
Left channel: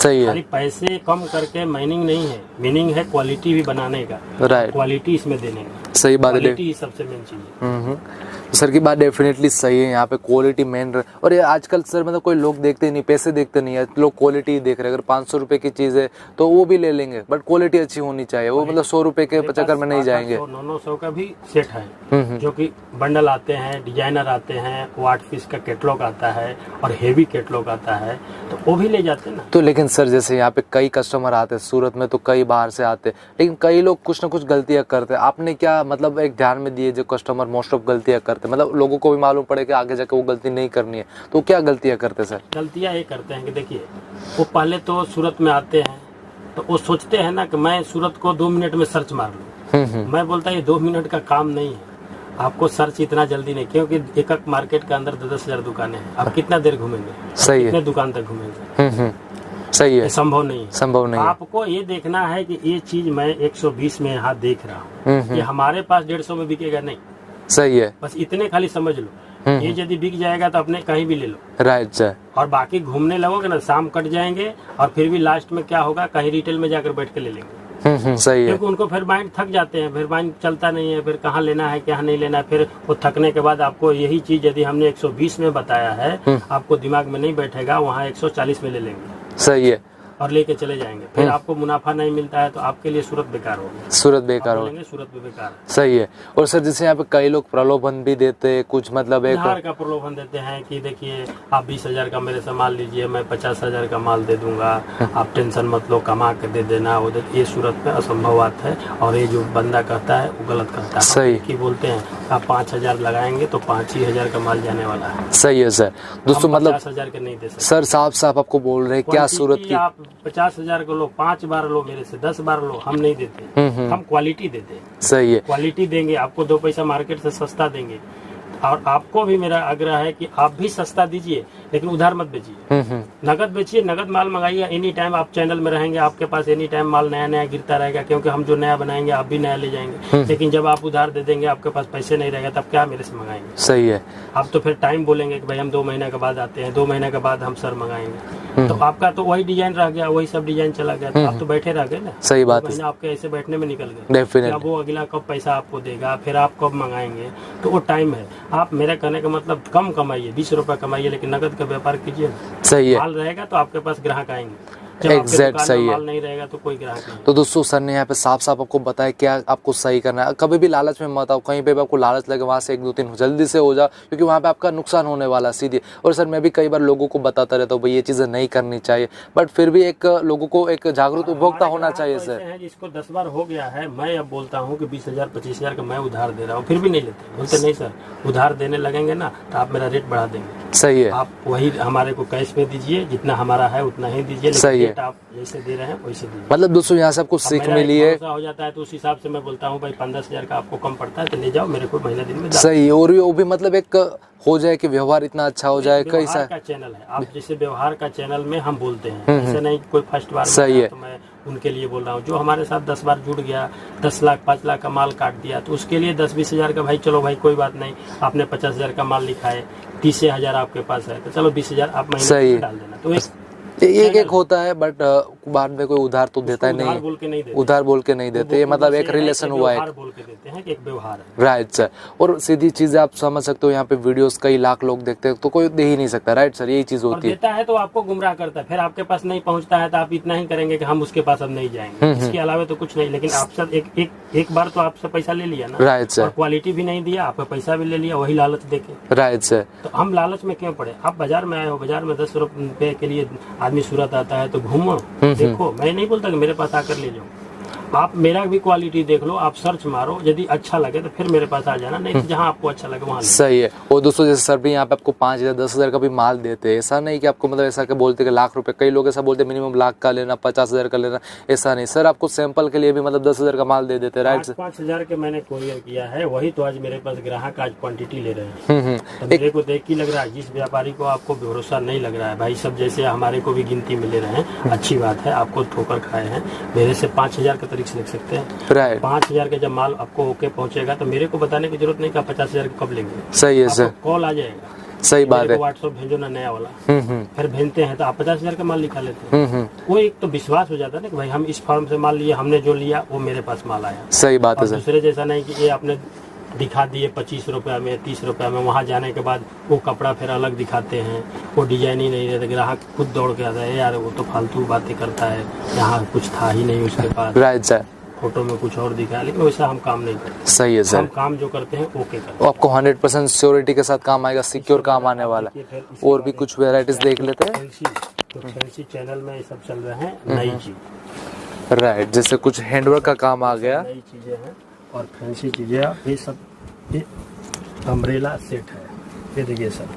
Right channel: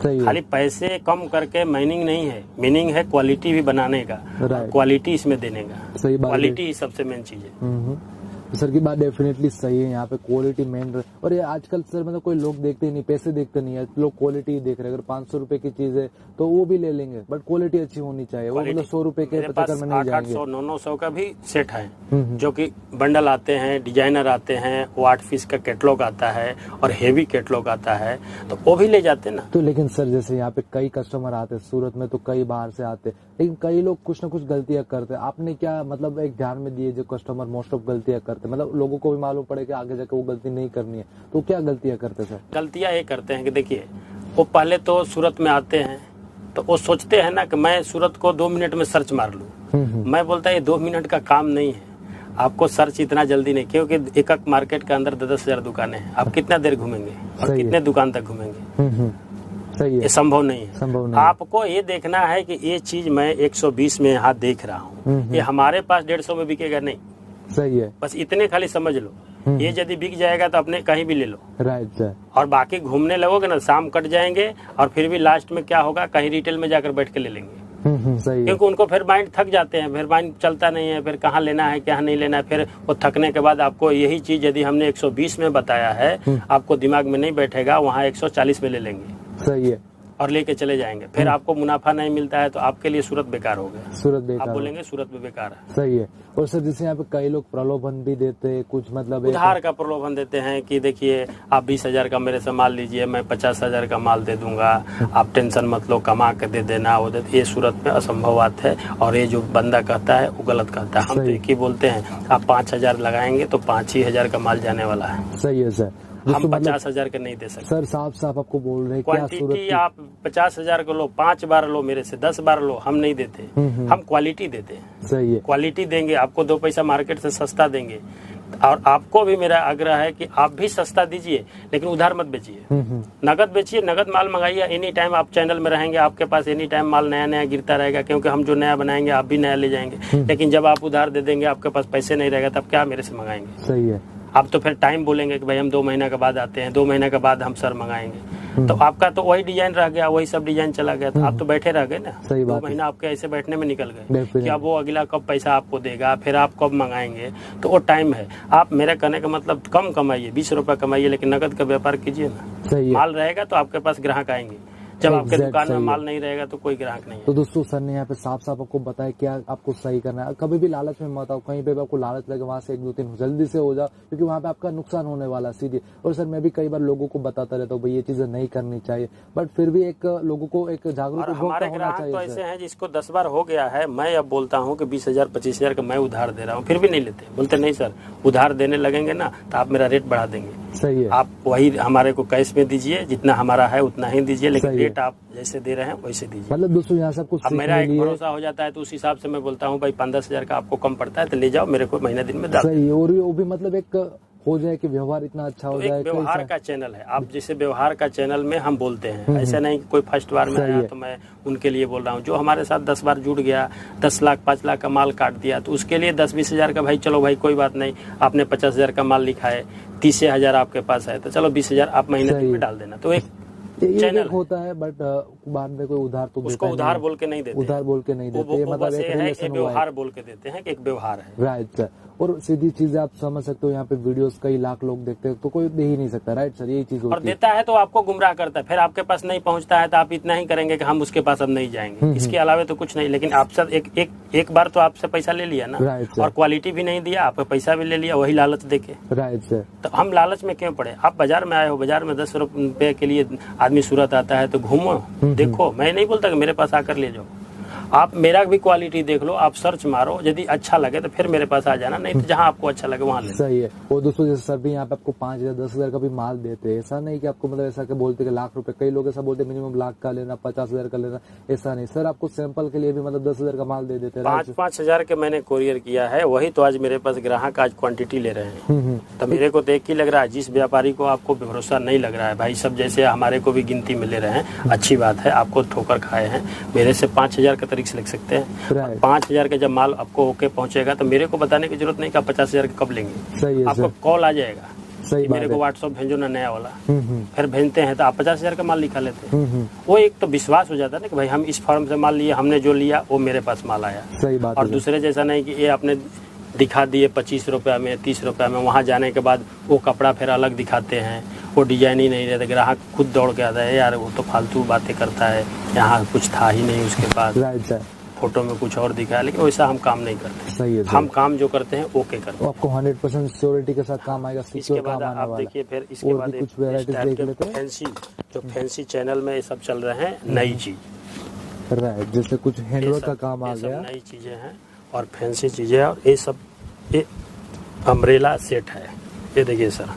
सही है। खाली पैसे कम करके मीनिंग नहीं है, मीनिंग है क्वालिटी भी बनाने का, राइट। क्वालिटी इसमें देने का। सही बात है। क्वालिटी सबसे मेन चीज है। सर की बात डेफिनेटली सही है, यहाँ पे क्वालिटी मेन। और ये आजकल सर मतलब कोई लोग देखते नहीं, पैसे देखते नहीं है, लोग क्वालिटी देख रहे हैं। अगर 500 रुपए की चीज़ है तो वो भी ले लेंगे, बट क्वालिटी अच्छी होनी चाहिए। वो मतलब 100 रुपए के चक्कर में नहीं जाएंगे। 900 का भी सेट है, जो कि बंडल आते हैं, डिजाइनर आते हैं, वो 8 पीस का कैटलॉग आता है और हेवी कैटलॉग आता है, तो वो भी ले जाते हैं ना। तो लेकिन सर जैसे यहाँ पे कई कस्टमर आते हैं सूरत में, तो कई बाहर से आते हैं, लेकिन कई लोग कुछ ना कुछ गलतियाँ करते हैं। आपने क्या मतलब एक ध्यान में दिए जो कस्टमर मोस्ट ऑफ गलतियाँ करते हैं, मतलब लोगों को भी मालूम पड़े कि आगे जाके वो गलती नहीं करनी है, तो क्या गलतियाँ करते सर? गलतियाँ ये करते हैं कि देखिए, वो पहले तो सूरत में आते हैं तो वो सोचते हैं ना कि मैं सूरत को 2 मिनट में सर्च मार लूँ। मैं बोलता है ये 2 मिनट का काम नहीं है, आपको सर्च इतना जल्दी नहीं, क्योंकि एक मार्केट के अंदर 10,000 दुकानें हैं, आप कितना देर घूमेंगे, सही है। कितने दुकान तक घूमेंगे, सही है, ये संभव नहीं है। संभव नहीं है। आपको ये देखना है कि ये चीज मैं 120 में यहाँ देख रहा हूँ, ये हमारे पास 150 में बिकेगा नहीं। सही है। बस इतने खाली समझ लो, ये यदि बिक जाएगा तो अपने कहीं भी ले लो। Right sir. और बाकी घूमने लगोगे ना, शाम कट जाएंगे और फिर भी लास्ट में क्या होगा, कहीं रिटेल में जाकर बैठ के ले लेंगे। सही है। क्योंकि उनको फिर माइंड थक जाते हैं, फिर माइंड चलता नहीं है, फिर कहाँ लेना है क्या नहीं लेना है। फिर वो थकने के बाद आपको यही चीज यदि हमने 120 में बताया है, आपको दिमाग में नहीं बैठेगा, वहाँ 140 में ले लेंगे। सही है। और लेके चले जाएंगे, फिर आपको मुनाफा नहीं मिलता है तो आपके लिए सूरत बेकार हो गया। सूरत बेकार हो, बोलेंगे सूरत भी बेकार है। सही है। और सर जैसे यहाँ पे कई लोग प्रलोभन भी देते हैं, कुछ मतलब एक उधार का प्रलोभन देते हैं कि देखिए आप 20,000 का मेरे से माल लीजिए, मैं 50,000 का माल दे दूंगा, आप टेंशन मत लो, कमा के दे देना। वो ये सूरत पे असंभव बात है, और ये जो बंदा कहता है वो गलत कहता है। सही कि बोलते हैं आप 5,000 लगाएंगे तो 5,000 का माल जाने वाला है। सही है सर। दोस्तों मतलब 50,000 के नहीं दे सकते सर, साफ साफ आपको बोल रहे हैं क्या सूरत की। आप 50,000 को लो, 5 बार लो, मेरे से 10 बार लो, हम नहीं देते, हम क्वालिटी देते हैं। सही है। क्वालिटी देंगे, आपको 2 पैसा मार्केट से सस्ता देंगे। और आपको भी मेरा आग्रह है कि आप भी सस्ता दीजिए, लेकिन उधार मत बेचिए, नगद बेचिए, नगद माल मंगाइए। एनी टाइम आप चैनल में रहेंगे, आपके पास एनी टाइम माल नया नया गिरता रहेगा, क्योंकि हम जो नया बनाएंगे आप भी नया ले जाएंगे। लेकिन जब आप उधार दे देंगे, आपके पास पैसे नहीं रहेगा, तब क्या मेरे से मंगाएंगे? सही है। आप तो फिर टाइम बोलेंगे कि भाई हम 2 महीना के बाद आते हैं, 2 महीने के बाद हम सर मंगाएंगे, तो आपका तो वही डिजाइन रह गया, वही सब डिजाइन चला गया, तो आप तो बैठे रह गए ना। सही बात है। 2 महीना आपके ऐसे बैठने में निकल गए। डेफिनेटली। अब वो अगला कब पैसा आपको देगा, फिर आप कब मंगाएंगे, तो वो टाइम है। आप मेरे कहने का मतलब कम कमाइए, 20 रुपए कमाइए, लेकिन नकद का व्यापार कीजिए। सही है। माल रहेगा तो आपके पास ग्राहक आएंगे, जब आपके दुकान में माल नहीं रहेगा तो कोई ग्राहक नहीं। तो दोस्तों सर ने यहाँ पे साफ साफ आपको बताया क्या आपको सही करना है। कभी भी लालच में मत आओ, कहीं पे भी आपको लालच लगे वहाँ से 1 2 3 जल्दी से हो जाओ, क्योंकि वहाँ पे आपका नुकसान होने वाला सीधे। और सर मैं भी कई बार लोगों को बताता रहता हूँ भाई ये चीज़ें नहीं करनी चाहिए, बट फिर भी एक लोगों को एक जागरूक उपभोक्ता होना चाहिए सर। है जिसको 10 बार हो गया है, मैं अब बोलता हूँ कि 20,000 25,000 का मैं उधार दे रहा हूँ, फिर भी नहीं लेते। बोलते नहीं सर, उधार देने लगेंगे ना तो आप मेरा रेट बढ़ा देंगे। सही है। आप वही हमारे को कैश में दीजिए, जितना हमारा है उतना ही दीजिए, लेकिन रेट आप जैसे दे रहे हैं वैसे दीजिए। मतलब दोस्तों यहाँ से आपको सीख मिली है। हो जाता है तो उस हिसाब से मैं बोलता हूँ भाई 5-10,000 का आपको कम पड़ता है तो ले जाओ, मेरे को महीना दिन में। सही। और वो भी मतलब एक हो जाए कि व्यवहार इतना अच्छा हो जाए। कई व्यवहार का चैनल है, आप जैसे व्यवहार का चैनल में हम बोलते हैं, ऐसा नहीं कोई फर्स्ट बार सही है तो मैं उनके लिए बोल रहा हूँ। जो हमारे साथ 10 बार जुड़ गया, 10 लाख 5 लाख का माल काट दिया, तो उसके लिए 10-20,000 का भाई चलो भाई कोई बात नहीं, आपने 50,000 का माल लिखा है, 30,000 आपके पास है, तो चलो 20,000 आप महीने में डाल देना। तो एक होता है, बट बाद में कोई उधार तो देता ही नहीं। उधार बोल के नहीं देते, उधार बोल के नहीं देते। ये मतलब एक रिलेशन हुआ है, बोल के देते हैं कि एक व्यवहार है। Right sir. और सीधी चीजें आप समझ सकते हो, यहाँ पे वीडियोस कई लाख लोग देखते हैं तो कोई दे ही नहीं सकता। राइट सर, यही चीज होती है। देता है तो आपको गुमराह करता है, फिर आपके पास नहीं पहुंचता है तो आप इतना ही करेंगे कि हम उसके पास अब नहीं जाएंगे, इसके अलावा तो कुछ नहीं। लेकिन आपसे एक बार तो आपसे पैसा ले लिया ना, राइट सर, और क्वालिटी भी नहीं दिया, आपका पैसा भी ले लिया, वही लालच देके। Right sir. तो हम लालच में क्यों पड़े? आप बाजार में आए हो, बाजार में 10 रुपए के लिए आदमी सूरत आता है तो घूमो, देखो। मैं नहीं बोलता कि मेरे पास आकर ले जाओ, आप मेरा भी क्वालिटी देख लो, आप सर्च मारो, यदि अच्छा लगे तो फिर मेरे पास आ जाना, नहीं तो जहाँ आपको अच्छा लगे वहाँ सही है। और दोस्तों जैसे सर भी यहाँ पे आपको 5,000 10,000 का भी माल देते हैं, ऐसा नहीं कि आपको मतलब ऐसा कि बोलते कि लाख रुपए, कई लोग ऐसा बोलते हैं मिनिमम लाख का लेना, 50,000 का लेना, ऐसा नहीं सर, आपको सैंपल के लिए भी मतलब 10,000 का माल दे देते हैं, राइट? 5,000 के मैंने कोरियर किया है, वही तो आज मेरे पास ग्राहक आज क्वांटिटी ले रहे हैं। तो मेरे को देख के लग रहा है, जिस व्यापारी को आपको भरोसा नहीं लग रहा है भाई, सब जैसे हमारे को भी गिनती में ले रहे हैं, अच्छी बात है, आपको ठोकर खाए हैं, मेरे से 5,000 का तरीके से लिख सकते हैं, राइट। 5,000 का जब माल आपको होके पहुंचेगा तो मेरे को बताने की जरूरत नहीं कि 50,000 कब लेंगे। सही है सर, कॉल आ जाएगा, सही बात है। व्हाट्सएप भेजो ना नया वाला, फिर भेजते हैं तो आप 50,000 का माल लिखा लेते हैं। वो एक तो विश्वास हो जाता है ना कि भाई हम इस फर्म से माल लिए, हमने जो लिया वो मेरे पास माल आया। सही बात है और सर। दूसरे जैसा नहीं कि ये आपने दिखा दिए 25 रुपये में, 30 रुपये में, वहाँ जाने के बाद वो कपड़ा फिर अलग दिखाते हैं, वो डिजाइन ही नहीं रहता, ग्राहक खुद दौड़ के आता है, यार वो तो फालतू बातें करता है, यहाँ कुछ था ही नहीं उसके पास, राइट सर, फोटो में कुछ और दिखा है, लेकिन वैसा हम काम नहीं करते। सही है सर, हम काम जो करते हैं ओके करते वो आपको 100% श्योरिटी के साथ काम आएगा, सिक्योर काम आने वाला है। फिर इसके और बाद भी एक कुछ वेराइटीज देख लेते हैं। फैंसी, तो फैंसी चैनल में ये सब चल रहे हैं, नई चीज, राइट, जैसे कुछ हैंडवर्क का काम आ गया, नई चीजें हैं और फैंसी चीजें हैं। ये सब ये अम्ब्रेला सेट है, ये देखिए सर,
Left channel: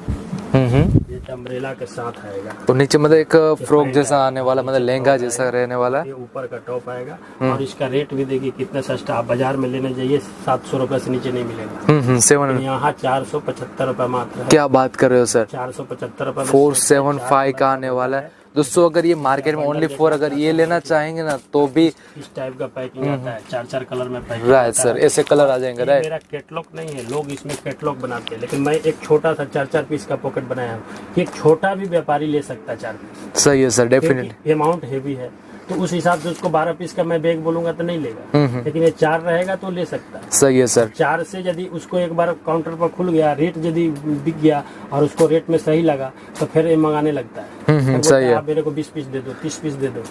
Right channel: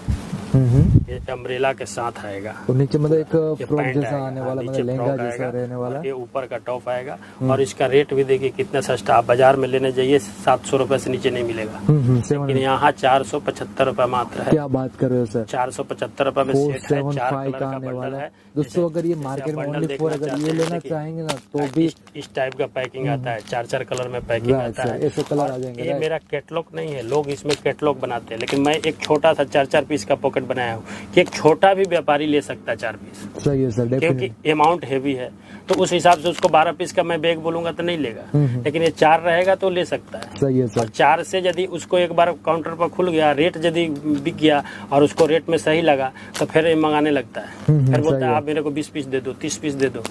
ये अम्ब्रेला के साथ आएगा, और नीचे मतलब एक फ्रॉक पैंट जैसा आएगा, आने वाला, मतलब नीचे लहंगा फ्रॉक जैसा आएगा, रहने वाला है। ये ऊपर का टॉप आएगा और इसका रेट भी देखिए कितना सस्ता, आप बाजार में लेने जाइए 700 रुपए से नीचे नहीं मिलेगा, 7 यहाँ 475 रुपए मात्र है। क्या बात कर रहे हो सर, 475 रुपए में 475 का आने वाला है दोस्तों। अगर ये मार्केट में ओनली फॉर अगर ये लेना चाहेंगे ना तो भी इस टाइप का पैकिंग आता है, 4 कलर में पैकिंग राइट सर, ऐसे कलर आ जाएंगे, ये राइट। मेरा कैटलॉग नहीं है, लोग इसमें कैटलॉग बनाते हैं, लेकिन मैं एक छोटा सा 4 पीस का पॉकेट बनाया हूँ कि एक छोटा भी व्यापारी ले सकता है 4 पीस, सही है सर, डेफिनेटली। क्योंकि अमाउंट हैवी है, तो उस हिसाब से उसको 12 पीस का मैं बैग बोलूंगा तो नहीं लेगा, लेकिन ये 4 रहेगा तो ले सकता है। सही है सर, 4 से यदि उसको एक बार काउंटर पर खुल गया, रेट यदि बिक गया और उसको रेट में सही लगा तो फिर ये मंगाने लगता है, फिर बोलता सही है। आप मेरे को 20 पीस दे दो, 30 पीस दे दो।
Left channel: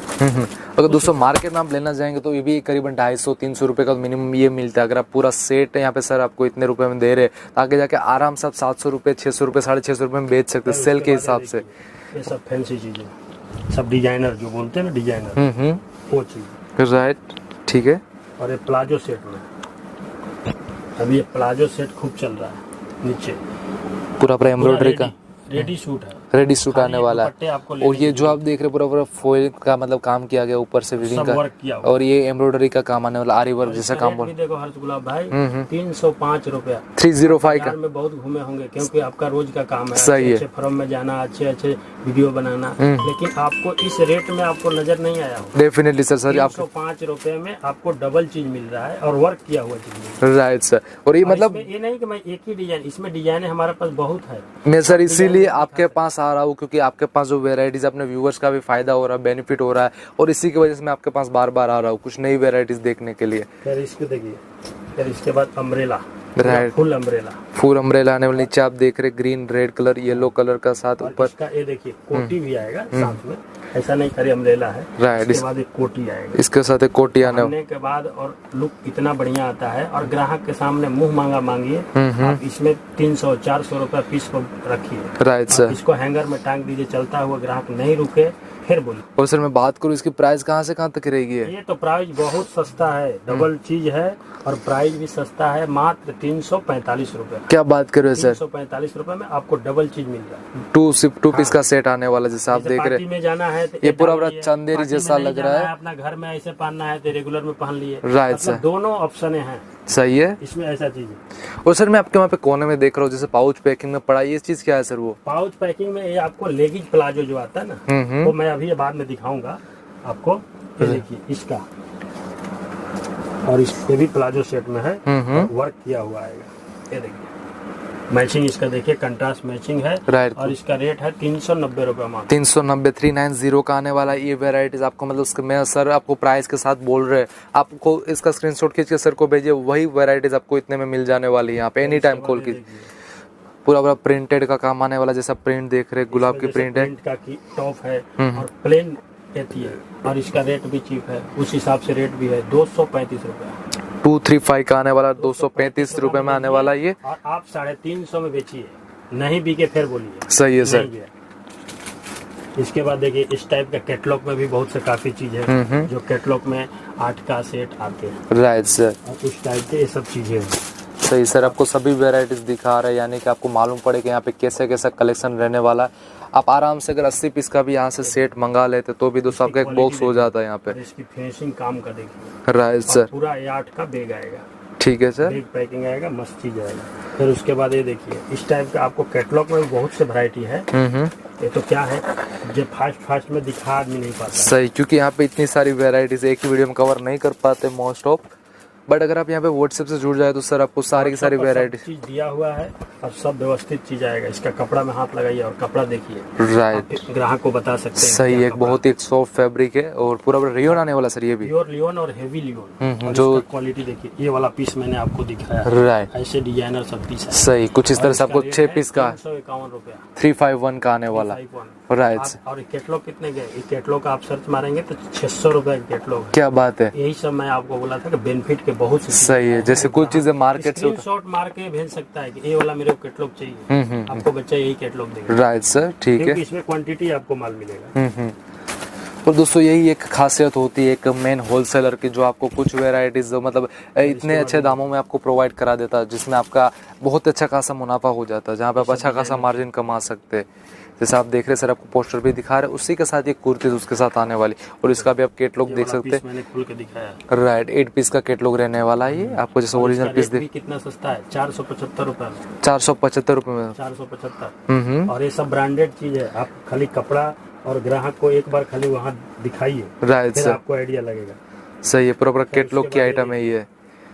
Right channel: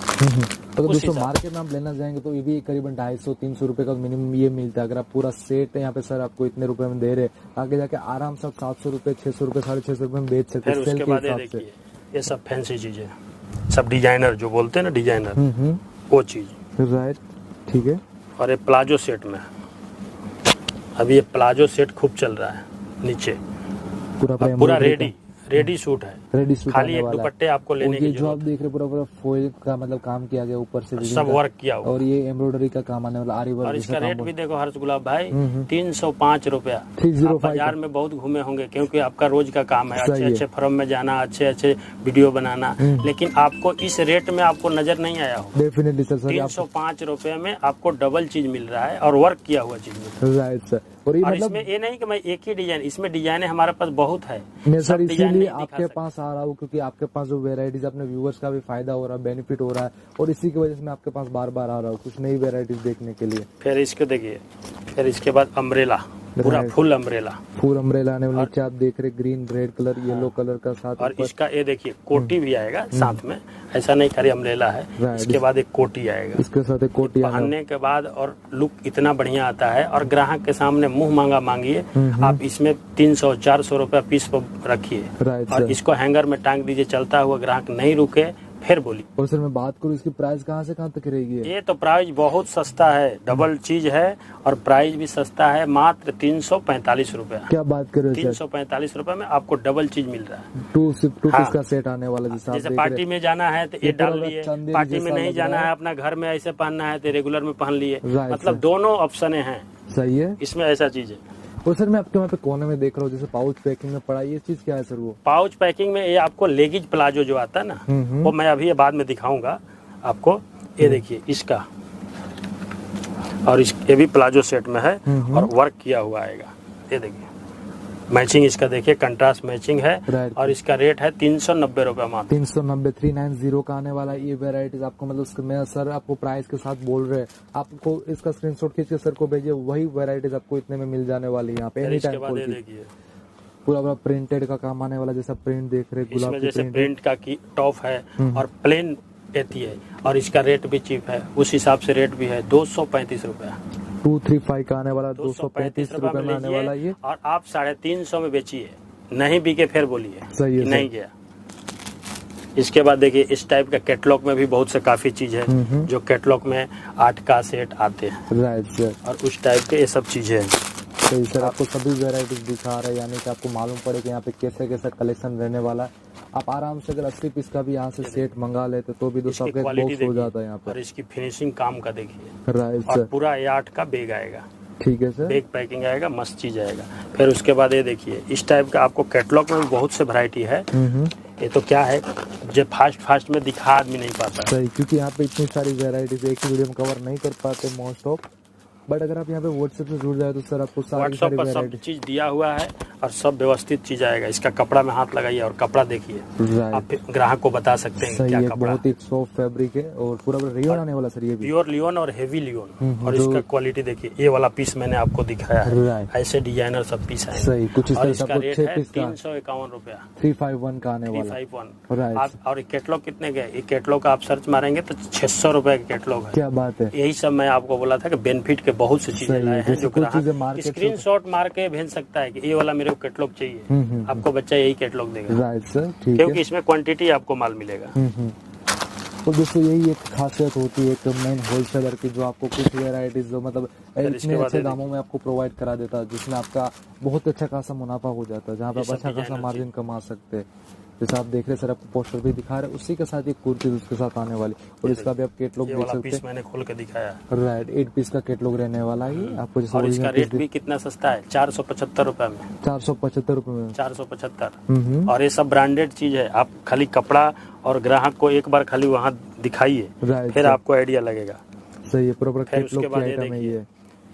अगर दोस्तों मार्केट में आप लेना चाहेंगे तो ये भी करीबन 250-300 रुपए का मिनिमम ये मिलता है। अगर आप पूरा सेट यहाँ पे सर आपको इतने रुपए में दे रहे तो आगे जाके आराम से आप 700 रुपए, 600 रुपए, 650 रुपए में बेच सकते हैं सेल के हिसाब से। ये सब फैंसी चीजें, सब डिजाइनर जो बोलते हैं ना, डिजाइनर, वो चीज, राइट, ठीक है। और ये प्लाजो सेट में, अभी ये प्लाजो सेट खूब चल रहा है, नीचे पूरा एम्ब्रॉयडरी का रेडी सूट है, रेडी सूट आने वाला है। आपको और ये जो आप देख रहे हैं पूरा फॉइल का मतलब काम किया गया ऊपर से विविंग सब का, वर्क किया हुआ। और ये एम्ब्रॉयडरी का काम आने वाला, आरी वर्क जैसा काम भी देखो हर्ष गुलाब भाई, 305 रुपया, 305 का। में बहुत घूमे होंगे क्योंकि आपका रोज का काम है, सही है। अच्छे फर्म में जाना, अच्छे वीडियो बनाना, लेकिन आपको इस रेट में आपको नजर नहीं आया हो। डेफिनेटली सर, सर आप 305 रुपए में आपको डबल चीज मिल रहा है और वर्क किया हुआ चीज मिल रहा है। Right sir. और ये मतलब ये नहीं कि मैं एक ही डिजाइन, इसमें डिजाइन हमारे पास बहुत है। मैं सर इसीलिए आपके पास आ रहा हूँ क्योंकि आपके पास जो वेराइटीज अपने व्यूवर्स का भी फायदा हो रहा है, बेनिफिट हो रहा है, और इसी की वजह से मैं आपके पास बार बार आ रहा हूँ कुछ नई वेराइटीज देखने के लिए। फिर इसको देखिए, फिर इसके बाद umbrella, Right. Full umbrella, full umbrella आने वाली, नीचे आप देख रहे green, red colour, yellow colour का साथ और ऊपर। इसका ये देखिए कोटी भी आएगा साथ में, ऐसा नहीं खाली अम्ब्रेला है, Right. इसके बाद एक कोटी आएगा, इसके साथ एक कोटी आने के बाद, और लुक इतना बढ़िया आता है, और ग्राहक के सामने मुंह मांगा मांगिए, आप इसमें 300-400 रुपया पीस को रखिए, राइट सर। इसको हैंगर में टांग दीजिए, चलता हुआ ग्राहक नहीं रुके फिर बोलिए। और सर मैं बात करूँ इसकी प्राइस कहाँ से कहाँ तक रहेगी? ये तो प्राइस बहुत सस्ता है, डबल चीज है और प्राइस भी सस्ता है, मात्र 345 रुपया। क्या बात कर रहे हो सर? 345 रुपए में आपको डबल चीज मिल रहा है। टू पीस का सेट आने वाला, जैसे आप देख रहे पार्टी हैं। में जाना है तो ये पूरा डाल लिए, चंदेरी पार्टी में जैसा नहीं लग रहा जाना है। अपना घर में ऐसे पहनना है तो रेगुलर में पहन लिए, Right, मतलब sir. दोनों ऑप्शन हैं सही है। इसमें, ऐसा चीज है। और सर मैं आपके वहाँ पे कोने में देख रहा हूँ जैसे पाउच पैकिंग में पड़ा है, ये चीज क्या है सर? वो पाउच पैकिंग में ये आपको लेगिज प्लाजो जो आता है ना, वो मैं अभी बाद में दिखाऊंगा आपको। ये देखिए इसका, और ये भी प्लाजो सेट में है और वर्क किया हुआ आएगा। ये देखिए मैचिंग इसका, देखिए कंट्रास्ट मैचिंग है, Right. और इसका रेट है 390 रुपए मात्र। 390, 390 का आने वाला ये वेराइटीज आपको, मतलब उसके मैं सर आपको प्राइस के साथ बोल रहे हैं, आपको इसका स्क्रीनशॉट खींच के सर को भेजिए, वही वेराइटीज आपको इतने में मिल जाने वाली है यहाँ पे एनी टाइम कॉल की। पूरा प्रिंटेड का काम आने वाला, जैसा प्रिंट देख रहे गुलाब की प्रिंट है, प्रिंट का की टॉप है और प्लेन रहती है, और इसका रेट भी चीप है, उस हिसाब से रेट भी है 235 रुपया। 235 का आने वाला, 235 रुपए में आने वाला ये, और आप 350 में बेचिए, नहीं बिके फिर बोलिए सही है सर। नहीं गया। इसके बाद देखिए इस टाइप का कैटलॉग में भी बहुत से काफी चीज है जो कैटलॉग में 8 का सेट आते हैं। Right sir. और उस टाइप के ये सब चीजें हैं। सही सर, आपको सभी वेराइटीज दिखा रहे हैं, यानी कि आपको मालूम पड़े कि यहाँ पे कैसे कैसा कलेक्शन रहने वाला है। आप आराम से अगर 80 पीस का भी यहाँ से सेट मंगा लेते तो भी दोस्तों आपका एक बॉक्स हो जाता है यहाँ पे। और इसकी फिनिशिंग काम का देखिए। Right sir. पूरा 8 का बैग आएगा। ठीक है सर। बैग पैकिंग आएगा, मस्त चीज आएगा। फिर उसके बाद ये देखिए इस टाइप का आपको कैटलॉग में भी बहुत से वैरायटी है। ये तो क्या है जो फास्ट में दिखा आदमी नहीं पाता। सही, क्योंकि यहाँ पे इतनी सारी वेराइटीज एक ही वीडियो में कवर नहीं कर पाते मोस्ट ऑफ। बट अगर आप यहाँ पे व्हाट्सएप से जुड़ जाए तो सर आपको सारी की सारी वेराइटी चीज दिया हुआ है और सब व्यवस्थित चीज आएगा। इसका कपड़ा में हाथ लगाइए और कपड़ा देखिए। राइट, ग्राहक को बता सकते हैं। सही, एक बहुत ही सॉफ्ट फैब्रिक है और पूरा रियोन आने वाला सर, ये भी प्योर लियोन और हेवी लियोन। और जो इसका क्वालिटी देखिए, ये वाला पीस मैंने आपको दिखाया है। राइट, ऐसे डिजाइनर सब पीस है। सही, कुछ इस तरह से आपको 6 पीस का 351 रुपया 351 का आने वाला। राइट, और कैटलॉग कितने के? ये कैटलॉग का आप सर्च मारेंगे तो 600 रुपए का कैटलॉग है। क्या बात है। यही सब मैं आपको बोला था कि बेनिफिट के बहुत से सही है, जैसे कुछ चीजें मार्केट से स्क्रीनशॉट मार के भेज सकता है कि ये वाला मेरे को कैटलॉग चाहिए। आपको बच्चा यही कैटलॉग देगा। राइट सर, ठीक है, क्योंकि इसमें क्वांटिटी आपको माल मिलेगा। और दोस्तों यही एक खासियत होती है एक मेन होलसेलर की, जो आपको कुछ वेराइटीज जो मतलब इतने अच्छे दामों में आपको प्रोवाइड करा देता है, जिसमें आपका बहुत अच्छा खासा मुनाफा हो जाता है, जहाँ पे आप अच्छा खासा मार्जिन कमा सकते हैं। जैसे आप देख रहे हैं सर, आपको पोस्टर भी दिखा रहे हैं, उसी के साथ एक कुर्ती उसके साथ आने वाली, और इसका भी आप कैटलॉग देख सकते हैं। मैंने खोल के दिखाया। राइट, 8 पीस का कैटलॉग रहने वाला है ये आपको, जैसे ओरिजिनल पीस भी कितना सस्ता है, 475 रुपए में। 475 रुपए में। 475। और ये सब ब्रांडेड चीज है। आप खाली कपड़ा और ग्राहक को एक बार खाली वहाँ दिखाइए, राइट फिर सर, आपको आइडिया लगेगा। सही है, प्रॉपर कैटलॉग की आइटम है ये।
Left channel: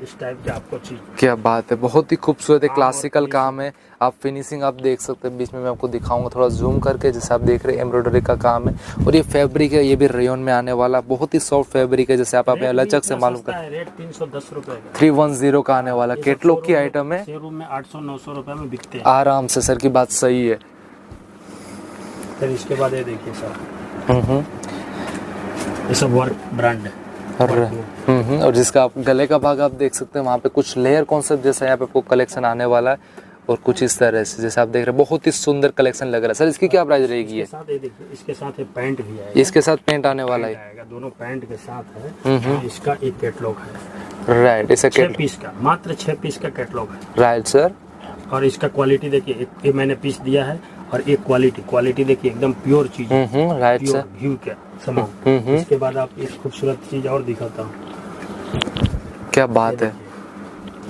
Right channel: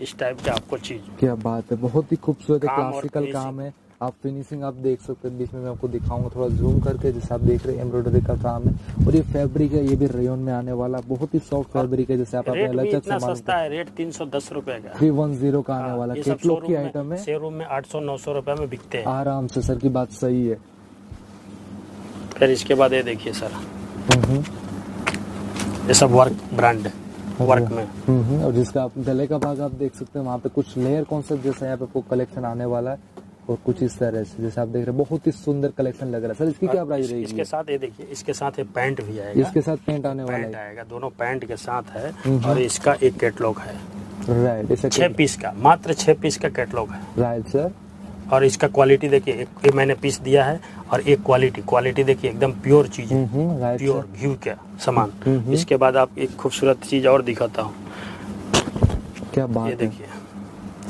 इस टाइप की आपको चीज, क्या बात है, बहुत ही खूबसूरत है, क्लासिकल काम है। आप फिनिशिंग आप देख सकते हैं, बीच में मैं आपको दिखाऊंगा थोड़ा जूम करके। जैसे आप देख रहे हैं एम्ब्रॉयडरी का काम है, और ये फैब्रिक है, ये भी रेयन में आने वाला, बहुत ही सॉफ्ट फैब्रिक है। जैसे आप लचक से मालूम कर, रेट 310 रुपए का 310 का आने वाला कैटलॉग की आइटम है। शोरूम में 800-900 रुपए में बिकते हैं आराम से, सर की बात सही है। फिर इसके बाद ये देखिए सर, ये सब वर्क ब्रांड है, वर्क में। और जिसका आप गले का भाग आप देख सकते हैं, वहाँ पे कुछ लेयर कॉन्सेप्ट जैसा यहाँ पे आपको कलेक्शन आने वाला है, और कुछ इस तरह से जैसे आप देख रहे हैं, बहुत ही सुंदर कलेक्शन लग रहा है। सर इसकी क्या प्राइस रहेगी? इसके साथ ये देखिए, इसके साथ एक पैंट भी आएगा। इसके साथ पैंट आने वाला है, दोनों पैंट के साथ है। और इसका एक कैटलॉग है। राइट, इसे 6 पीस का, मात्र 6 पीस का कैटलॉग है। Right sir. और इसका क्वालिटी देखिए, एक मैंने पीस दिया है, और एक क्वालिटी देखिए, एकदम प्योर चीज है। राइट प्योर सर, घी का सामान। इसके बाद आप एक खूबसूरत चीज और दिखाता हूँ। क्या बात है,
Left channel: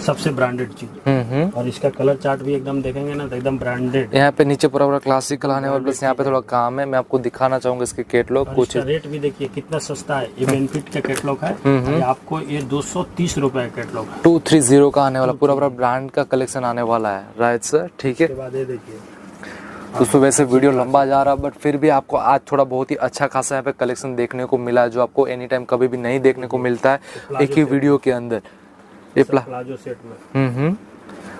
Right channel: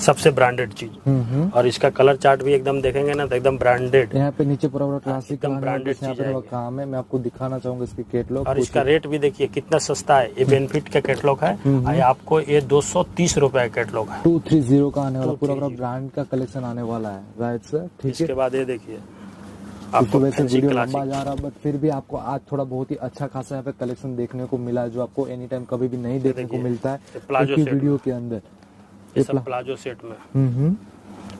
सबसे ब्रांडेड चीज। और इसका कलर चार्ट भी एकदम देखेंगे ना तो एकदम ब्रांडेड। यहाँ पे नीचे पूरा क्लासिकल आने वाला, बस यहाँ पे थोड़ा काम है, मैं आपको दिखाना चाहूंगा इसके कैटलॉग। और कुछ इसका रेट भी देखिए कितना सस्ता है। ये बेनिफिट का कैटलॉग है, और आपको ये 230 रुपए का कैटलॉग है। 230 का आने वाला, पूरा ब्रांड का कलेक्शन आने वाला है। राइट सर, ठीक है। इसके बाद ये देखिए, दोस्तों वैसे वीडियो लंबा जा रहा, बट फिर भी आपको आज थोड़ा बहुत ही अच्छा खासा यहाँ पे कलेक्शन देखने को मिला है, जो आपको एनी टाइम कभी भी नहीं देखने को मिलता है एक ही वीडियो के अंदर। ये प्लाजो सेट में।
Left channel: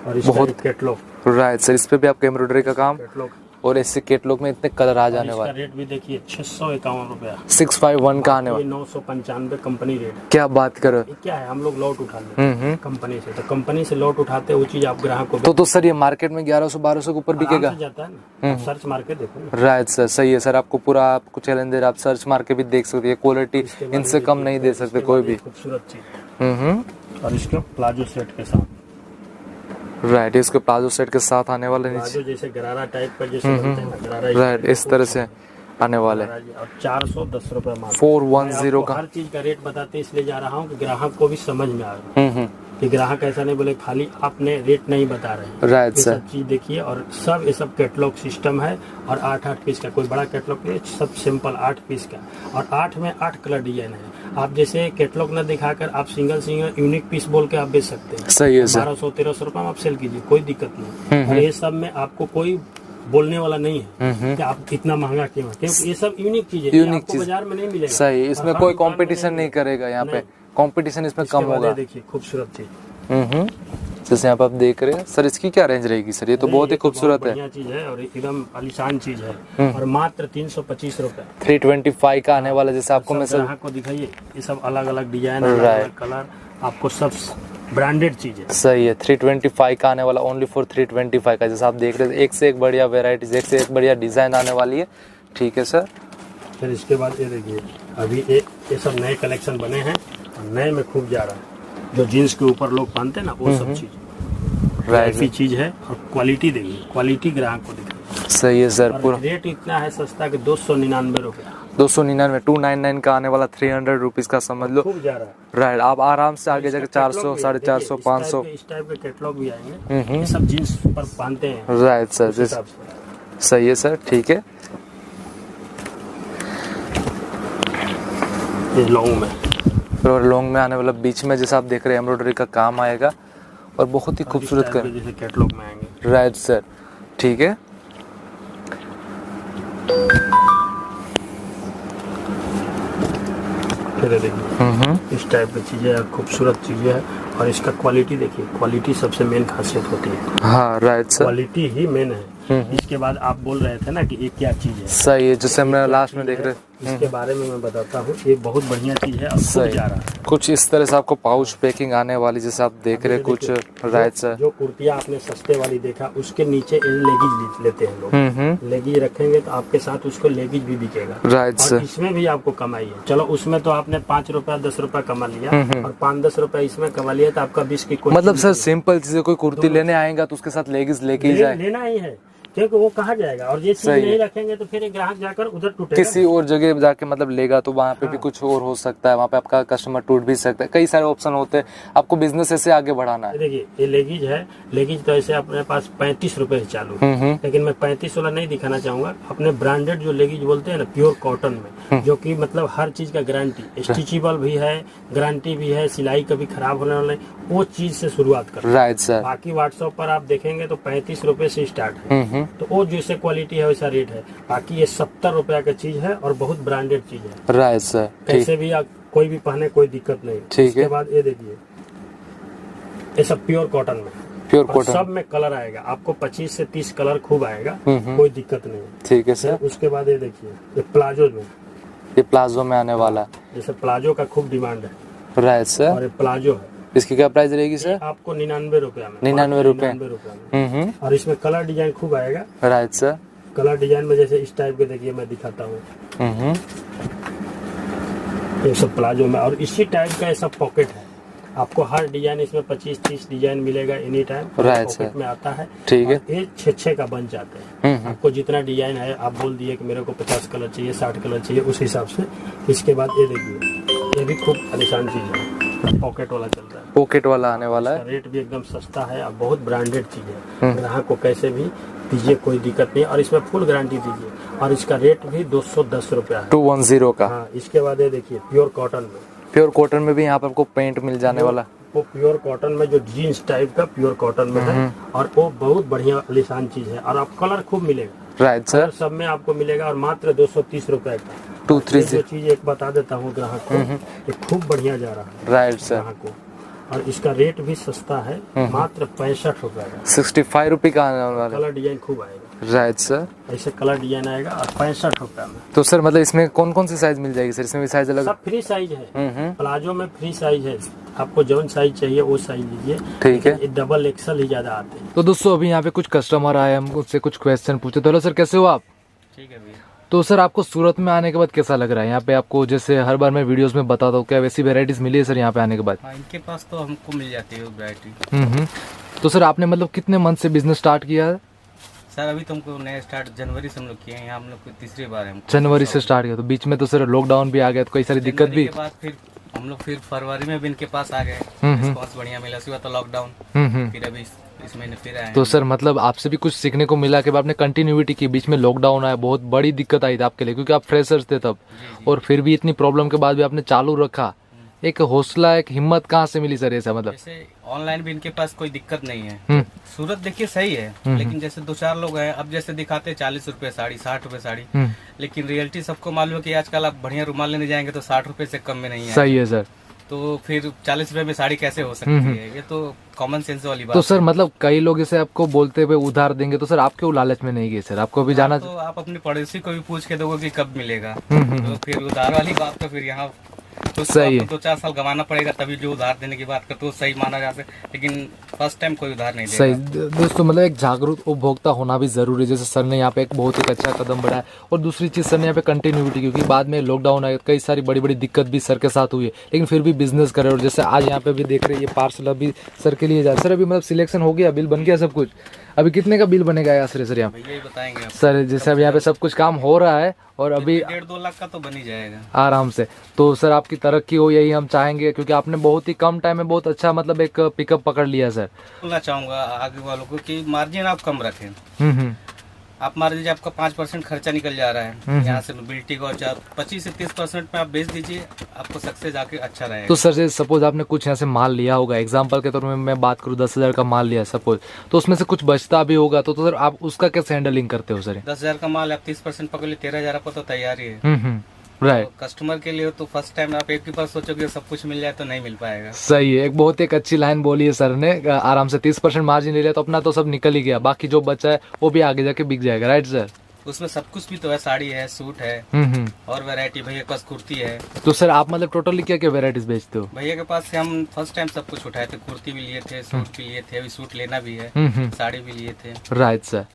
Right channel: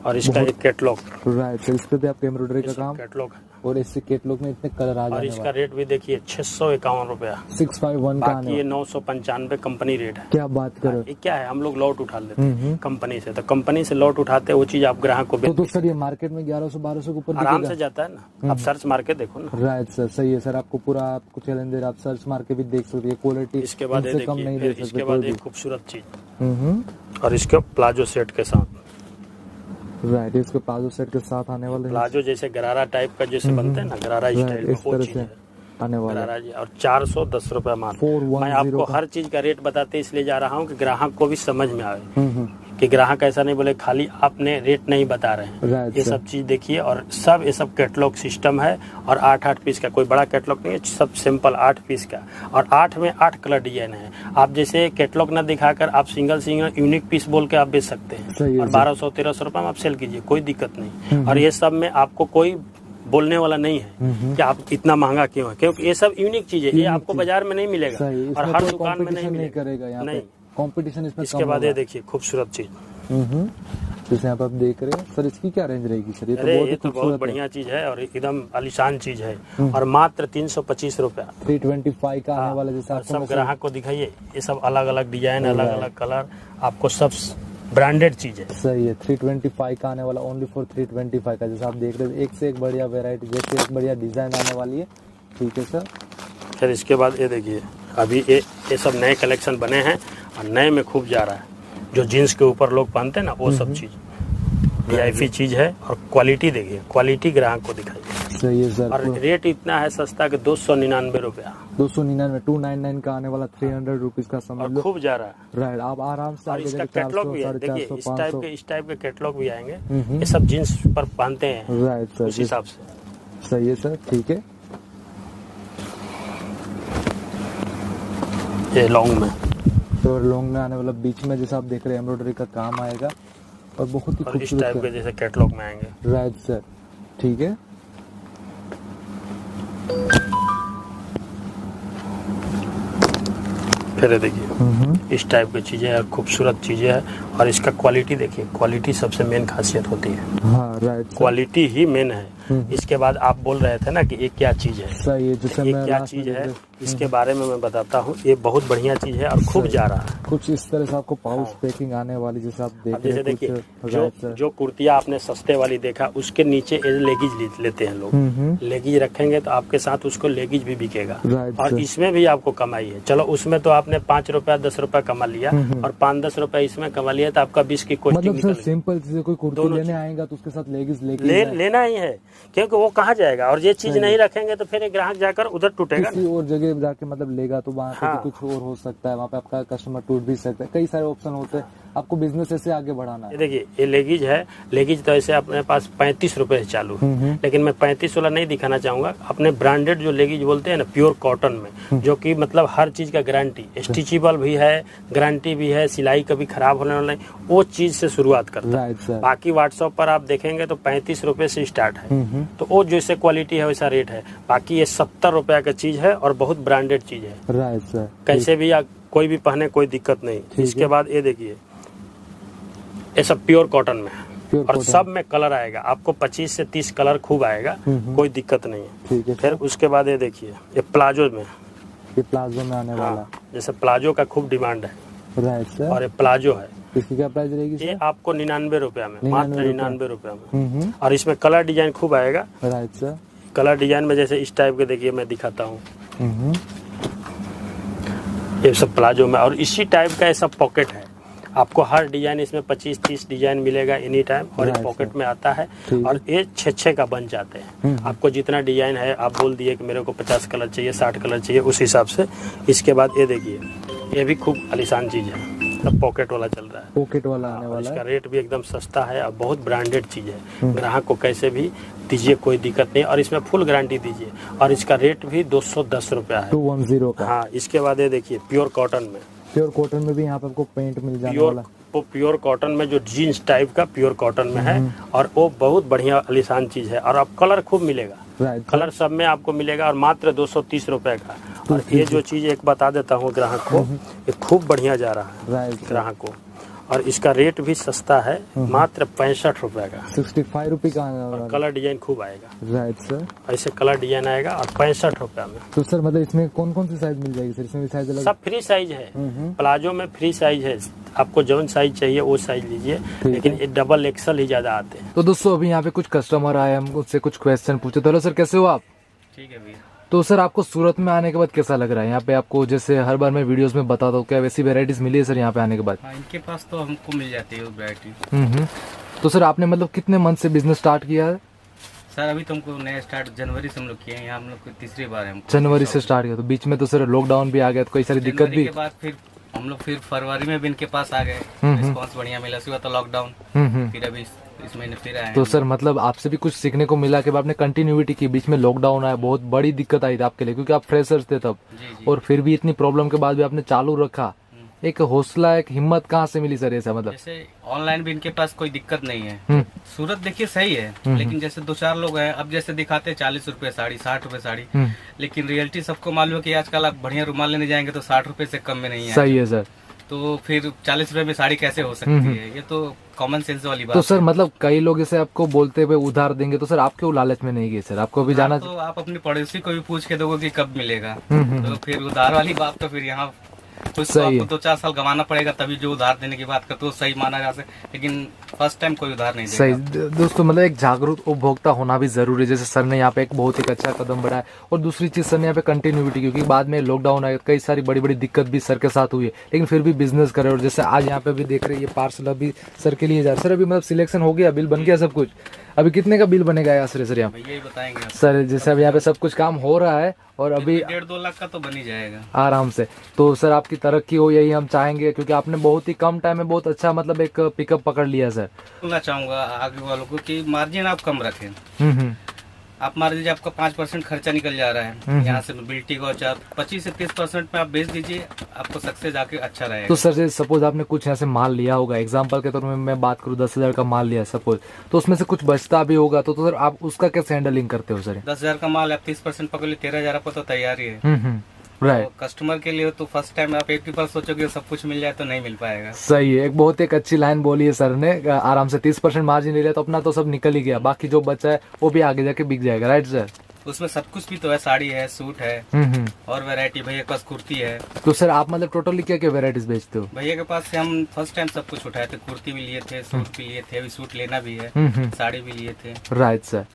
और इसका एक कैटलॉग। राइट सर, इस पे भी आपका एम्ब्रॉयडरी का काम, कैटलॉग, और इससे कैटलॉग में इतने कलर आ जाने वाले। इसका रेट भी देखिए 651 रुपया 651 का आने ये वाला। 995 कंपनी रेट है। क्या बात करो, ये क्या है, हम लोग लॉट उठा लेते हैं कंपनी से, तो कंपनी से लॉट उठाते वो चीज आप ग्राहक को तो सर ये मार्केट में 1100-1200 के ऊपर आराम बिकेगा। से जाता है ना। आप सर्च मार के देखो ना। राइट सर, सही है सर, आपको पूरा आपको चैलेंज दे रहा, आप सर्च मार के भी देख सकते हैं, क्वालिटी इनसे कम नहीं दे सकते कोई भी। खूबसूरत चीज। और इसके प्लाजो सेट के साथ। राइट, इसके प्लाजो सेट के साथ आने वाले, प्लाजो जैसे गरारा टाइप का जैसे बनते हैं ना, गरारा राइट, इस तरह से आने वाले। और 410 रुपए मात्र। 410 का। हर चीज का रेट बताते इसलिए जा रहा हूँ कि ग्राहक को भी समझ में आए, कि ग्राहक ऐसा नहीं बोले खाली आपने रेट नहीं बता रहे हैं। राइट ये सर, सब चीज देखिए, और सब ये सब कैटलॉग सिस्टम है, और 8-8 पीस का, कोई बड़ा कैटलॉग नहीं, सब सिंपल 8 पीस का, और 8 में 8 कलर डिजाइन है। आप जैसे कैटलॉग न दिखाकर आप सिंगल यूनिक पीस बोल के आप बेच सकते हैं। सही है सर। 1200-1300 रुपए में आप सेल कीजिए, कोई दिक्कत नहीं। और ये सब में आपको कोई बोलने वाला नहीं है कि आप इतना महंगा क्यों है, क्योंकि ये सब यूनिक चीज है, ये आपको बाजार में नहीं मिलेगा। सही, इसमें कोई कंपटीशन नहीं करेगा, यहाँ पे कंपटीशन इसमें कम होगा। देखिए खूबसूरत चीज। जैसे यहाँ पे आप देख रहे हैं सर, इसकी क्या रेंज रहेगी सर? ये तो बहुत ही खूबसूरत है, बढ़िया चीज है, और एकदम आलीशान चीज है, और मात्र 325 रुपया 325 का आने वाला। जैसे आपको मैं ग्राहक को दिखाइए, ये सब अलग अलग डिजाइन, अलग अलग कलर, आपको सब ब्रांडेड चीज है। सही है, 325 का आने वाला, ओनली फॉर 325 का। जैसे आप देख रहे हैं, एक से एक बढ़िया वेराइटीज, एक से एक बढ़िया डिजाइन आने वाली है। ठीक है सर। फिर इसके बाद ये देखिए, अभी ये सब नए कलेक्शन बने हैं और नए में खूब जा रहा है। जो जीन्स के ऊपर लोग पहनते हैं ना, वो सब चीज ऐसी चीज है। और क्वालिटी देखिए, क्वालिटी ग्राहक को दिखाई। सही है सर। और पूरा रेट इतना है सस्ता कि 299 रुपया। 299, 299 का आने वाला 300 रुपीज का समझ लो। खूब जा रहा है। राइट, आप आराम से आगे जाके 400, 450, 500 इस टाइप के कैटलॉग भी आएंगे। ये सब जीन्स पर पहनते हैं। राइट सर, उस हिसाब से। सही है सर, ठीक है। ये लॉन्ग में, और लॉन्ग में आने वाला बीच में जैसा आप देख रहे हैं एम्ब्रॉयडरी का काम आएगा और बहुत ही खूबसूरत कर जैसे कैटलॉग में आएंगे। राइट सर, ठीक है। फिर देखिए इस टाइप की चीजें, खूबसूरत चीजें हैं। और इसका क्वालिटी देखिए, क्वालिटी सबसे मेन खासियत होती है। हाँ राइट सर, क्वालिटी ही मेन है। इसके बाद आप बोल रहे थे ना कि ये क्या चीज है। सही है, जैसे ये हमने क्या लास्ट में चीज देख है, रहे इसके बारे में मैं बताता हूँ। ये बहुत बढ़िया चीज है और खूब सही। जा रहा है। कुछ इस तरह से आपको पाउच पैकिंग आने वाली जैसे आप देख रहे हैं कुछ। राइट सर, जो कुर्तियाँ आपने सस्ते वाली देखा, उसके नीचे लेगीज लेते हैं लोग। लेगीज रखेंगे तो आपके साथ उसको लेगीज भी बिकेगा। राइट और सर, इसमें भी आपको कमाई है। चलो उसमें तो आपने 5 रुपया 10 रुपया कमा लिया और 5-10 रुपया इसमें कमा लिया, तो आपका 20 की कोई मतलब सर सिंपल चीजें, कोई कुर्ती लेने आएगा तो उसके साथ लेगिंग्स लेके ही जाए। लेना ही है, क्योंकि वो कहाँ जाएगा। और ये चीज नहीं रखेंगे तो फिर एक ग्राहक जाकर उधर टूटेगा। किसी और जगह जाके मतलब लेगा तो वहाँ पे भी कुछ और हो सकता है, वहाँ पे आपका कस्टमर टूट भी सकता है। कई सारे ऑप्शन होते हैं, आपको बिजनेस ऐसे आगे बढ़ाना है। देखिए ये लेगीज है। लेगीज तो ऐसे अपने पास 35 रुपए से चालू है, लेकिन मैं 35 वाला नहीं दिखाना चाहूंगा। अपने ब्रांडेड जो लेगीज बोलते हैं ना, प्योर कॉटन में, जो कि मतलब हर चीज का गारंटी, स्टिचेबल भी है, गारंटी भी है, सिलाई कभी खराब होने वाला नहीं, वो चीज से शुरुआत कर। राइट सर, बाकी व्हाट्सएप पर आप देखेंगे तो 35 रुपए से स्टार्ट है। तो वो जैसे क्वालिटी है वैसा रेट है। बाकी ये 70 रुपया का चीज है और बहुत ब्रांडेड चीज है। राइट सर, कैसे भी कोई भी पहने, कोई दिक्कत नहीं। इसके बाद ये देखिए, ये सब प्योर कॉटन में है। प्योर और कॉटन, सब में कलर आएगा आपको, 25 से 30 कलर खूब आएगा, कोई दिक्कत नहीं। ठीक है फिर सर। उसके बाद ये देखिए, ये प्लाजो में, ये प्लाजो में आने वाला। जैसे प्लाजो का खूब डिमांड है। राइट सर, और ये प्लाजो है, इसकी क्या प्राइस रहेगी ये सर? आपको 99 रुपया में, 99 रुपए। 99 रुपया में। और इसमें कलर डिजाइन खूब आएगा। राइट सर, कलर डिजाइन में जैसे इस टाइप के देखिए, मैं दिखाता हूँ। ये सब प्लाजो में, और इसी टाइप का ये सब पॉकेट है। आपको हर डिजाइन इसमें 25-30 डिजाइन मिलेगा एनी टाइम। पॉकेट में आता है। ठीक है। और ये 6-6 का बन जाते हैं। आपको जितना डिजाइन है, आप बोल दिए कि मेरे को 50 कलर चाहिए, 60 कलर चाहिए, उस हिसाब से। इसके बाद ये देखिए, ये भी खूब आलिशान चीज है, पॉकेट वाला चल रहा है। पॉकेट वाला आने वाला इसका है। रेट भी एकदम सस्ता है और बहुत ब्रांडेड चीज है। ग्राहक को कैसे भी दीजिए, कोई दिक्कत नहीं। और इसमें फुल गारंटी दीजिए। और इसका रेट भी 210 रुपया है, 210 का। हाँ। इसके बाद ये देखिए, प्योर कॉटन में, प्योर कॉटन में भी यहाँ पे आपको पेंट मिल जाने वाला। वो प्योर कॉटन में जो जीन्स टाइप का प्योर कॉटन में है, और वो बहुत बढ़िया आलिशान चीज है। और आप कलर खूब मिलेगा। राइट सर, कलर सब में आपको मिलेगा। और मात्र 230 रुपए का। 230 जो चीज एक बता देता हूँ ग्राहक को, ये खूब बढ़िया जा रहा है राइट सर। ग्राहक को। और इसका रेट भी सस्ता है, मात्र 65 रुपए का। 65 रुपये का आने वाला। कलर डिजाइन खूब आएगा। राइट सर, ऐसे कलर डिजाइन आएगा और 65 रुपए में। तो सर मतलब इसमें कौन कौन सी साइज मिल जाएगी सर? इसमें भी साइज अलग? सब फ्री साइज है। प्लाजो में फ्री साइज है। आपको जौन साइज चाहिए वो साइज लीजिए। ठीक है। ये डबल एक्सल ही ज्यादा आते हैं। तो दोस्तों अभी यहाँ पे कुछ कस्टमर आए, हम उनसे कुछ क्वेश्चन पूछे। तो हेलो सर, कैसे हो आप? ठीक है भैया। तो सर आपको सूरत में आने के बाद कैसा लग रहा है? यहाँ पे आपको जैसे हर बार मैं वीडियोस में बताता हूँ, क्या वैसी वेराइटीज मिली है सर यहाँ पे आने के बाद? हाँ, इनके पास तो हमको मिल जाती है वैरायटी। तो सर आपने मतलब कितने मंथ से बिजनेस स्टार्ट किया है? सर अभी तुमको नया स्टार्ट जनवरी से हम लोग किए हैं। यहाँ हम लोग को तीसरी बार है। हमको जनवरी से स्टार्ट किया, तो बीच में तो सर लॉकडाउन भी आ गया, तो कई सारी दिक्कत जनवरी भी। के बाद फिर हम लोग फिर फरवरी में भी इनके पास आ गए। रिस्पॉन्स बढ़िया मिला। उसके बाद तो लॉकडाउन, फिर अभी इस महीने फिर आए। तो सर मतलब आपसे भी कुछ सीखने को मिला कि आपने कंटिन्यूटी की, बीच में लॉकडाउन आया, बहुत बड़ी दिक्कत आई थी आपके लिए, क्योंकि आप फ्रेशर्स थे तब। जी। और फिर भी इतनी प्रॉब्लम के बाद भी आपने चालू रखा। एक हौसला, एक हिम्मत कहाँ से मिली सर ऐसा? मतलब जैसे ऑनलाइन भी इनके पास कोई दिक्कत नहीं है। सूरत देखिए सही है, लेकिन जैसे 2-4 लोग हैं, अब जैसे दिखाते हैं 40 रुपए साड़ी, 60 रुपए साड़ी, लेकिन रियलिटी सबको मालूम है कि आजकल आप बढ़िया रुमाल लेने जाएंगे तो 60 रुपए से कम में नहीं है। सही है सर। तो फिर 40 रुपए में साड़ी कैसे हो सकती है? ये तो कॉमन सेंस वाली बात तो सर है। मतलब कई लोग इसे आपको बोलते हुए उधार देंगे, तो सर आप क्यों लालच में नहीं गए सर? आपको भी जाना। तो आप अपने पड़ोसी को भी पूछ के दोगे कि कब मिलेगा। तो फिर उधार वाली बात तो फिर यहाँ कुछ तो सही है। आपको 2-4 साल गंवाना पड़ेगा तभी जो उधार देने की बात करते हो सही माना जा सकता, लेकिन फर्स्ट टाइम कोई उधार नहीं सही देगा। दोस्तों, मतलब एक जागरूक उपभोक्ता होना भी जरूरी है। जैसे सर ने यहाँ पे एक बहुत एक अच्छा कदम बढ़ाया, और दूसरी चीज सर ने यहाँ पे कंटिन्यूटी, क्योंकि बाद में लॉकडाउन आया, कई सारी बड़ी बड़ी दिक्कत भी सर के साथ हुई है, लेकिन फिर भी बिजनेस करे। और जैसे आज यहाँ पे भी देख रहे हैं, ये पार्सल अभी सर के लिए जा रहा है। सर अभी मतलब सिलेक्शन हो गया, बिल बन गया सब कुछ, अभी कितने का बिल बनेगा आश्रय सर यहाँ पे? भैया ही बताएंगे आप। सर जैसे अब यहाँ पे सब कुछ काम हो रहा है और अभी 1.5-2 लाख का तो बन ही जाएगा आराम से। तो सर आपकी तरक्की हो, यही हम चाहेंगे, क्योंकि आपने बहुत ही कम टाइम में बहुत अच्छा मतलब एक पिकअप पकड़ लिया सर। बोलना चाहूंगा आगे वालों को कि मार्जिन आप कम रखें। हम्म। आप मान लीजिए आपका 5% खर्चा निकल जा रहा है यहाँ से मोबिलिटी का, 25 से 30% में आप बेच दीजिए, आपको सक्सेस आके अच्छा रहेगा। तो सर सपोज आपने कुछ यहाँ से माल लिया होगा, एग्जांपल के तौर में मैं बात करूँ 10,000 का माल लिया सपोज, तो उसमें से कुछ बचता भी होगा, तो सर आप उसका कैसे हैंडलिंग करते हो सर? 10,000 का माल आप 30% पकड़ ली, 13,000 आपको तो तैयार ही है। राइट। तो कस्टमर के लिए तो फर्स्ट टाइम आप एक ही बार सोचोगे सब कुछ मिल जाए तो नहीं मिल पाएगा। सही है, एक बहुत एक अच्छी लाइन बोली है सर ने। आराम से 30% मार्जिन ले लिया तो अपना तो सब निकल ही गया, बाकी जो बचा है वो भी आगे जाके बिक जाएगा। Right sir? उसमें सब कुछ भी तो है, साड़ी है, सूट है, और वैरायटी भैया के पास कुर्ती है। तो सर आप मतलब टोटली क्या क्या वेराइटीज बेचते हो? भैया के पास से हम फर्स्ट टाइम सब कुछ उठाए थे, कुर्ती भी लिए थे, सूट भी लिए थे, अभी सूट लेना भी है, साड़ी भी लिए थे। Right sir.